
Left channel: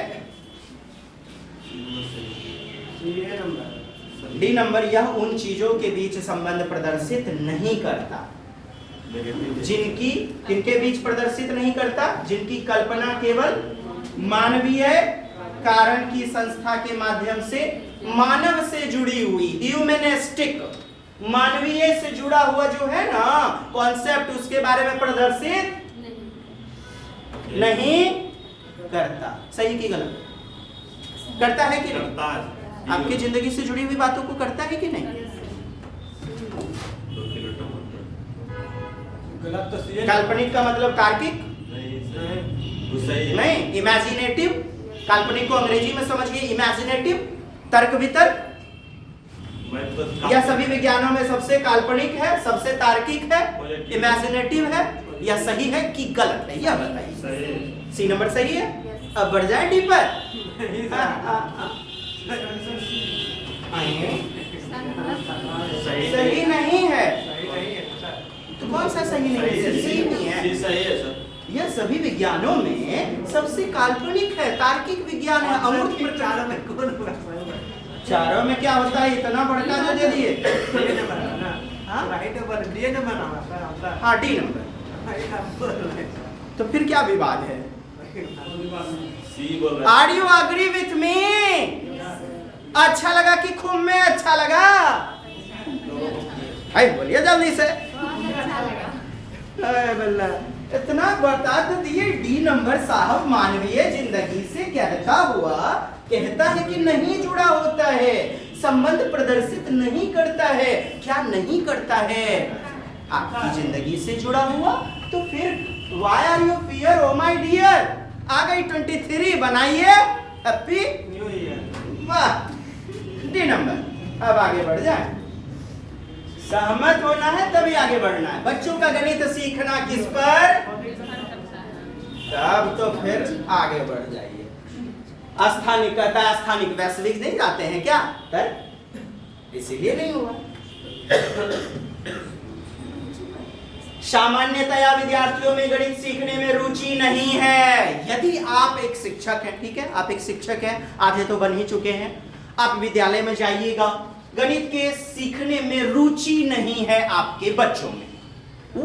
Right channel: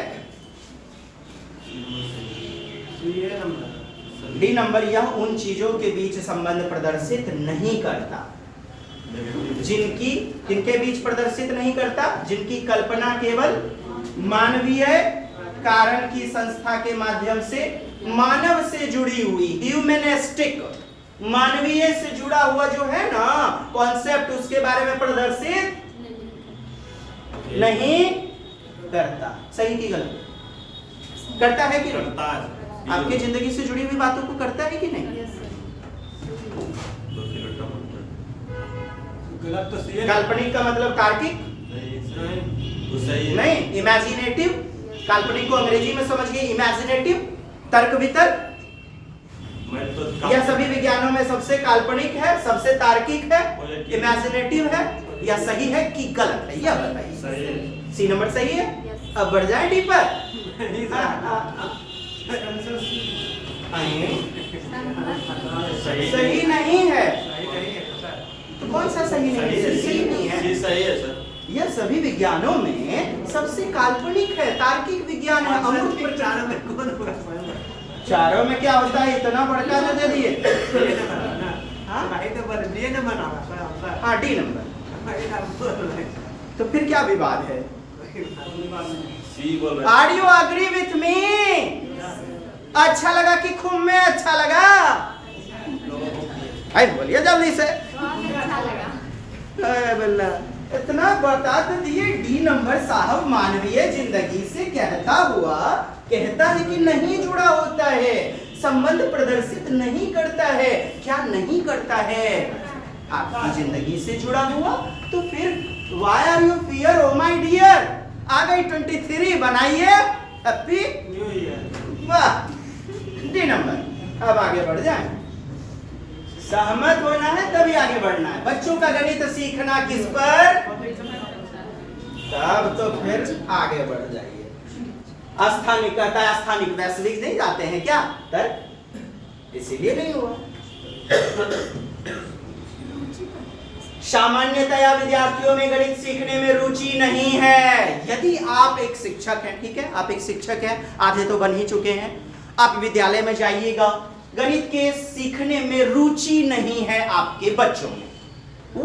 डी नंबर, यह उन चीजों के बीच संबंध प्रदर्शित नहीं करता जिनकी किनके बीच प्रदर्शित नहीं करता, जिनकी कल्पना केवल मानवीय कारण की संस्था के माध्यम से मानव से जुड़ी हुई, ह्यूमनिस्टिक, मानवीय से जुड़ा हुआ जो है ना कॉन्सेप्ट, उसके बारे में प्रदर्शित नहीं करता। सही की गलत? करता है कि नहीं? आपकी जिंदगी से जुड़ी हुई बातों को करता है कि नहीं? काल्पनिक का मतलब तार्किक नहीं, इमेजिनेटिव। काल्पनिक को अंग्रेजी में समझिए इमेजिनेटिव, तर्क वितर्क। यह सभी विज्ञानों में सबसे काल्पनिक है, सबसे तार्किक है, इमेजिनेटिव है। यह सही है कि गलत है? यह बताइए। सी नंबर सही है। अब बढ़ जाए डी पर। सही नहीं है। तो कौन सा सही नहीं है? सही नहीं है। सही है सर। यह सभी विज्ञानों में सबसे काल्पनिक है, तार्किक विज्ञान है। अमूर्त चारों में कौन होगा? चारों में क्या होता है? इतना बड़का जो दे दिए। हाँ राइट नंबर डी नंबर आना सर आपका हाँ डी नंबर। राइट नंबर तो फिर क्या विवाद है? सी बोल रहा are you agree with me? अच्छा लगा कि खूब में अच्छा लगा? आई बोलिए जल्दी से। बहुत अच्छा लगा। अरे बल्ला, इतना बता तो दिए। डी नंबर साहब मानवीय जिंदगी से कहता हुआ कहता है कि नहीं जुड़ा होता है, संबंध प्रदर्शित नहीं करता है। क्या नहीं करता है? आपकी जिंदगी से जुड़ा हुआ। तो फिर why are you fear oh my dear? आ गई 23, बनाइए हैप्पी न्यू ईयर। वाह। D number. अब आगे बढ़ जाए। सहमत होना है तभी आगे बढ़ना है। बच्चों का गणित सीखना किस पर? तब तो फिर आगे बढ़ जाइए। स्थानिक कहता है स्थानिक वैश्विक नहीं जाते हैं क्या? पर इसीलिए नहीं हुआ। सामान्यतया विद्यार्थियों में गणित सीखने में रुचि नहीं है। यदि आप एक शिक्षक हैं, ठीक है, आप एक शिक्षक हैं, आधे तो बन ही चुके हैं, आप विद्यालय में जाइएगा, गणित के सीखने में रुचि नहीं है आपके बच्चों में।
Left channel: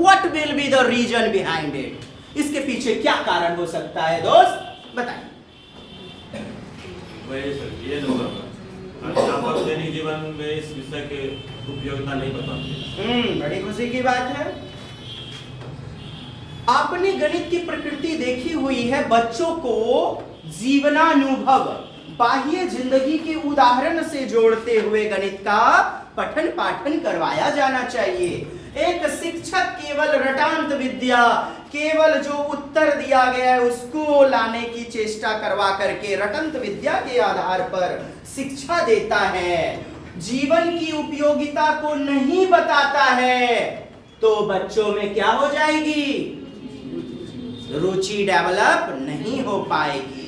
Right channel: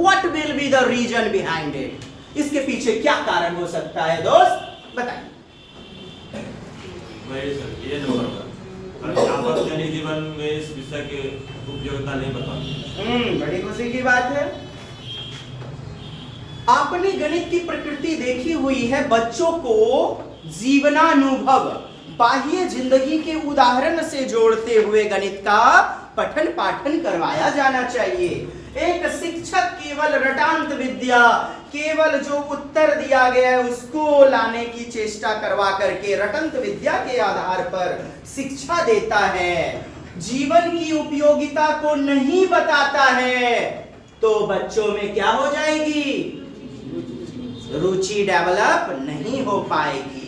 What will be the reason behind it? इसके पीछे क्या कारण हो सकता है दोस्त? बताइए। वही सर ये नंबर पर अध्यापक दैनिक जीवन में इस विषय के उपयोगिता नहीं बताते। बड़ी खुशी की बात है। आपने गणित की प्रकृति देखी हुई है। बच्चों को जीवनानुभव, बाह्य जिंदगी के उदाहरण से जोड़ते हुए गणित का पठन पाठन करवाया जाना चाहिए। एक शिक्षक केवल रटांत विद्या, केवल जो उत्तर दिया गया है उसको लाने की चेष्टा करवा करके रटंत विद्या के आधार पर शिक्षा देता है, जीवन की उपयोगिता को नहीं बताता है, तो बच्चों में क्या हो जाएगी? रुचि डेवलप नहीं हो पाएगी।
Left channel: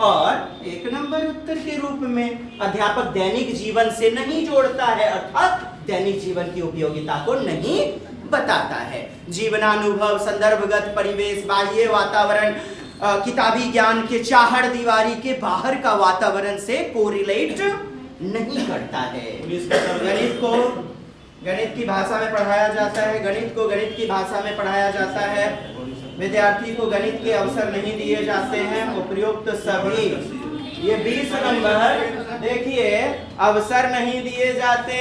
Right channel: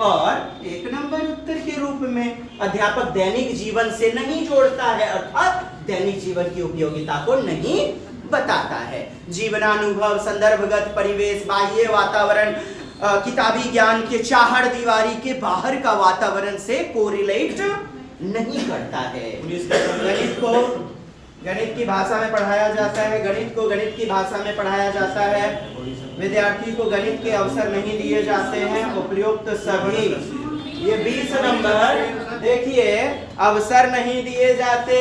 और एक नंबर उत्तर के रूप में अध्यापक दैनिक जीवन से नहीं जोड़ता है, अर्थात दैनिक जीवन की उपयोगिता को नहीं बताता है। जीवनानुभव, संदर्भगत परिवेश, बाह्य वातावरण, किताबी ज्ञान के चाहड़ दीवारी के बाहर का वातावरण से कोरिलेट नहीं करता है। गणित की भाषा में पढ़ाया जाता है, गणित को गणित की भाषा में पढ़ाया जाता है। विद्यार्थी को गणित के अवसर नहीं दिए जाते हैं। उपयुक्त सभी, ये 20 नंबर देखिए, अवसर नहीं दिए जाते,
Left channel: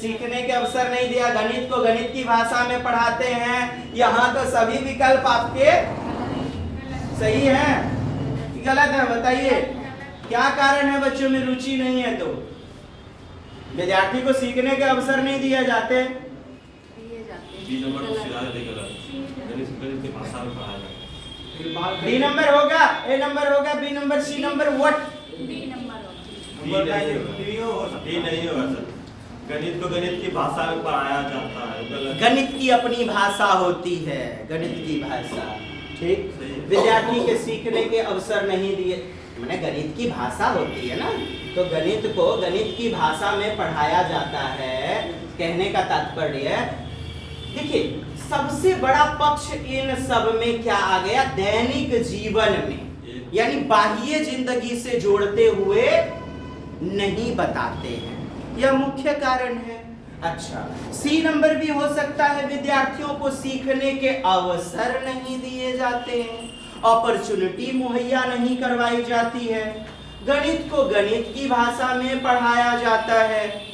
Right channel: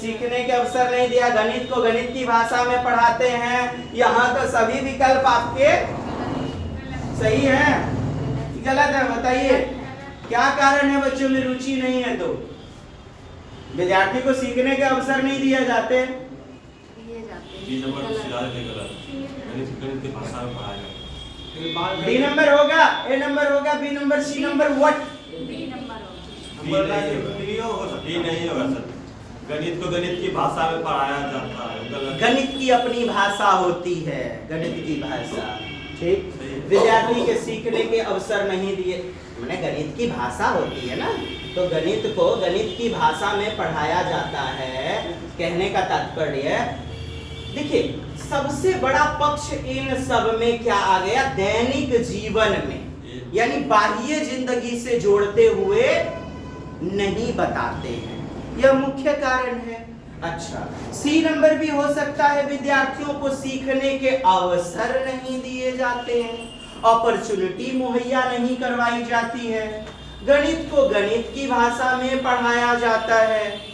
सीखने के अवसर नहीं दिया, गणित को गणित की भाषा में पढ़ाते हैं। यहाँ तो सभी विकल्प आपके सही है, गलत है? बताइए क्या कारण है? बच्चों में रुचि नहीं है तो विद्यार्थी को सीखने के अवसर नहीं दिए जाते। डी नंबर तो सीधा गलत। गणित की भाषा में पढ़ाया जाता है। डी नंबर होगा, ए नंबर होगा, B number, C number, what? D number होगा। डी नहीं होगा सर। गणित को गणित की भाषा में पढ़ाया जाता है, गलत। गणित की अपनी भाषा होती है, गणित की भाषा, ठीक। विद्यार्थी के सीखने के अवसर नहीं दिए, मैंने गणित की भाषा होती है ना, तो गणित को गणित की भाषा में पढ़ाया जाता है। कहने का तात्पर्य, देखिए, सबसे बड़ा पक्ष इन सब में क्या आ गया? दैनिक जीवन में, यानी बाह्य जिंदगी से जोड़ते हुए नहीं बताते हैं, यह मुख्य कारण है। अच्छा, सी नंबर भी हो सकता है, विद्यार्थियों को सीखने के अवसर नहीं दिए जाते हैं, अपॉर्चुनिटी मुहैया नहीं करवाई जाती है। गणित को गणित की भाषा में पढ़ाया जाता है,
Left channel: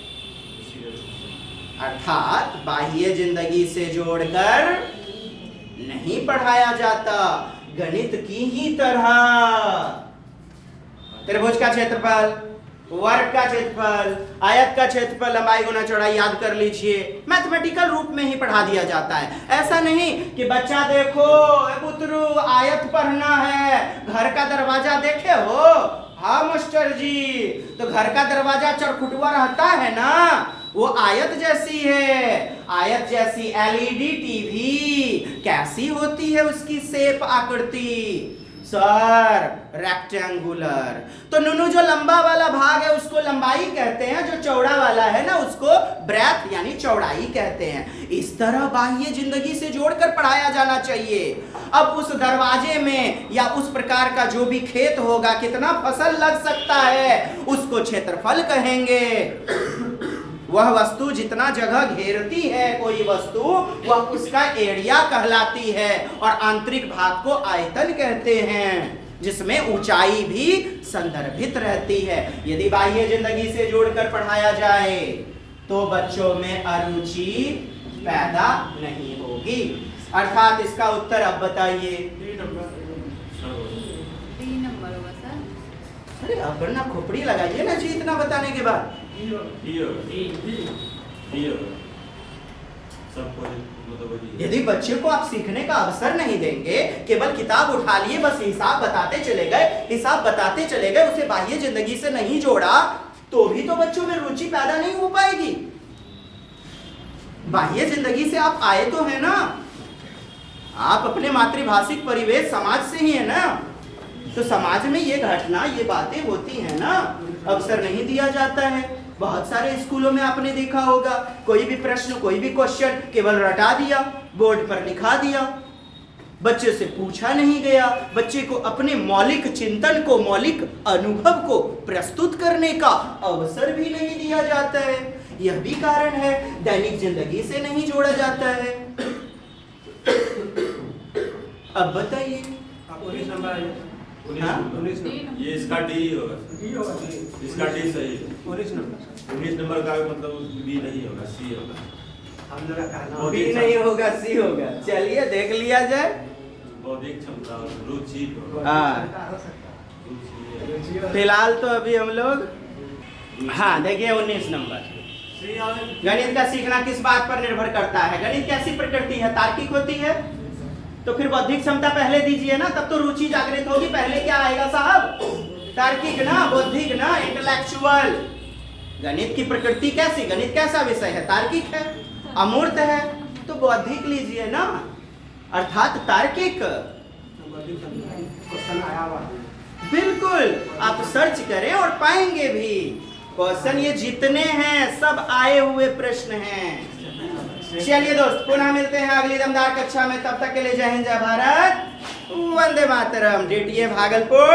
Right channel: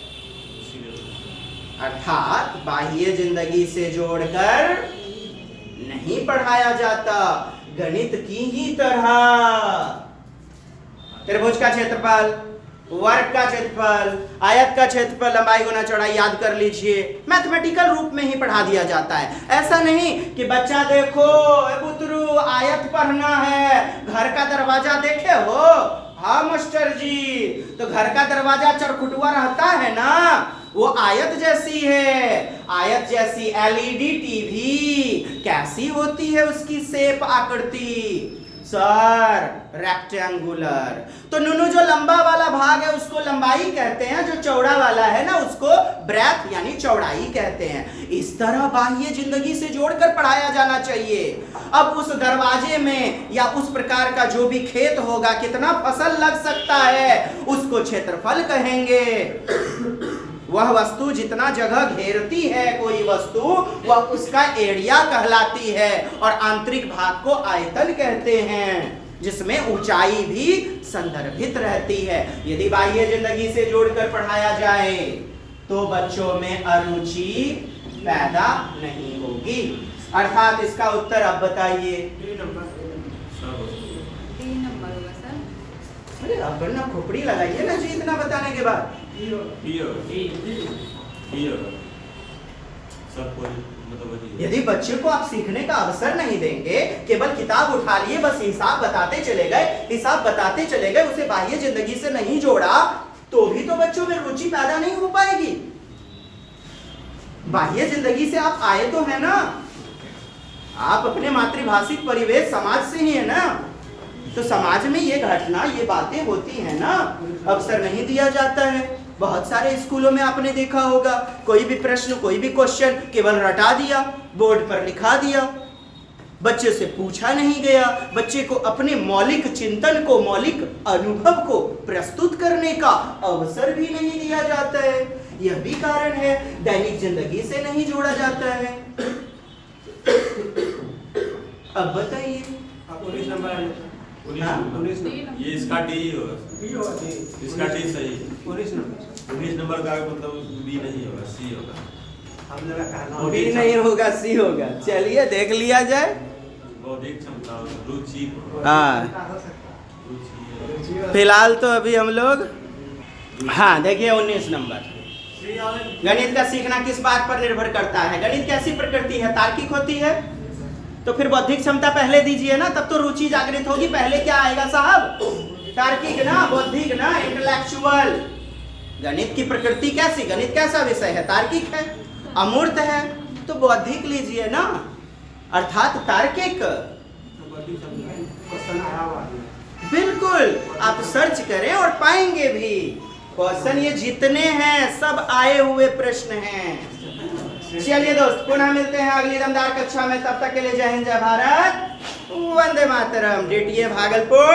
अर्थात बाह्य जिंदगी से जोड़कर नहीं पढ़ाया जाता, गणित की ही तरह। त्रिभुज का क्षेत्रफल, वर्ग का क्षेत्रफल, आयत का क्षेत्रफल, लंबाई गुना चौड़ाई याद कर लीजिए, मैथमेटिकल रूप में ही पढ़ा दिया जाता है। ऐसा नहीं कि बच्चा देखो पुत्रु आयत पढ़ना है, घर का दरवाजा देखे हो? हाँ मास्टर जी, तो घर का दरवाजा चरखुटुआ रहता है ना, वो आयत जैसी है। आयत जैसी एलईडी टीवी कैसी होती है उसकी शेप, आकृति? Sir rectangular. तो नुनु जो लंबा वाला भाग है उसको लंबाई कहते हैं, जो चौड़ा वाला है ना उसको ब्रेथ यानी चौड़ाई कहते हैं। इस तरह बाह्य जिंदगी से जोड़कर पढ़ाया जाना चाहिए। अब उस दरवाजे में या उस प्रकार का जो भी खेत होगा, कितना फसल लग सकता है, उसको क्षेत्रफल कहेंगे। वह वस्तु जितना जगह घेरती है कोई वस्तु, वह उसका एरिया कहलाती है। और आंतरिक भाग को आयतन कहते हैं, जिसमें ऊंचाई भी संदर्भित रहती है। यदि बाह्य जिंदगी से जोड़कर पढ़ाया जाए तो बच्चों में अरुचि पैदा नहीं होगी। अर्थात इसका उत्तर अब बताइए। 3 नंबर। सर 3 नंबर होगा सर। अरे अब वरना खोपड़ी लगाइए ना जी इतना बताने के बाद। यदि बच्चे को आप सीखने का अवसर नहीं देंगे, केवल किताब उठा लिए बस हिसाब बताते चले गए, उसे बाह्य जिंदगी से नहीं जोड़ा, तो भी तो बच्चों में रुचि पैदा नहीं हो पाएगी। बाह्य जिंदगी से आप आए तो है ना, आप अपने मातृभाषिक परिवेश समाज से ही है ना, तो समाज में ये घटना ये बातें होती है ना, अवसर नहीं दिया जाता है। बहुत सारे स्कूलों में आपने देखा होगा, कोई भी प्रश्न कोई भी क्वेश्चन केवल रटा दिया, बोर्ड पर लिखा दिया, बच्चे से पूछा नहीं गया, बच्चे को अपने मौलिक चिंतन को, मौलिक अनुभव को प्रस्तुत करने का अवसर भी नहीं दिया जाता है। यह भी कारण है दैनिक जिंदगी से नहीं जोड़ा जाता है। अब बताइए। अब 19 नंबर आ जाता। 19 नंबर। ये इसका डी होगा, बी होगा, डी। इसका डी सही है। 19 नंबर। 19 नंबर का मतलब बी नहीं होगा, सी होगा। हम लोग का कहना बी नहीं होगा, सी होगा। चलिए देख लिया जाए। बौद्धिक क्षमता, रुचि, हाँ। हो सकता है। रुचि, फिलहाल तो अभी हम लोग, हाँ देखिए 19 नंबर। सी और गणित का सीखना किस बात पर निर्भर करता है? गणित कैसी प्रकृति है? तार्किक होती है, तो फिर बौद्धिक क्षमता पहले दीजिए ना, तब तो रुचि जागृत होगी। पहले क्या आएगा साहब? तार्किक ना, बौद्धिक ना, इंटेलेक्चुअल। गणित की प्रकृति कैसी? गणित कैसा विषय है? तार्किक है, अमूर्त है, तो बौद्धिक लीजिए ना, अर्थात तार्किक। क्वेश्चन आया हुआ है। बिल्कुल, आप सर्च करें और पाएंगे भी। क्वेश्चन ये जितने हैं सब आए हुए प्रश्न हैं। चलिए दोस्त, पुनः मिलते हैं अगली दमदार कक्षा में। तब तक के लिए जय हिंद, जय भारत, वंदे मातरम। डीटीए भागलपुर।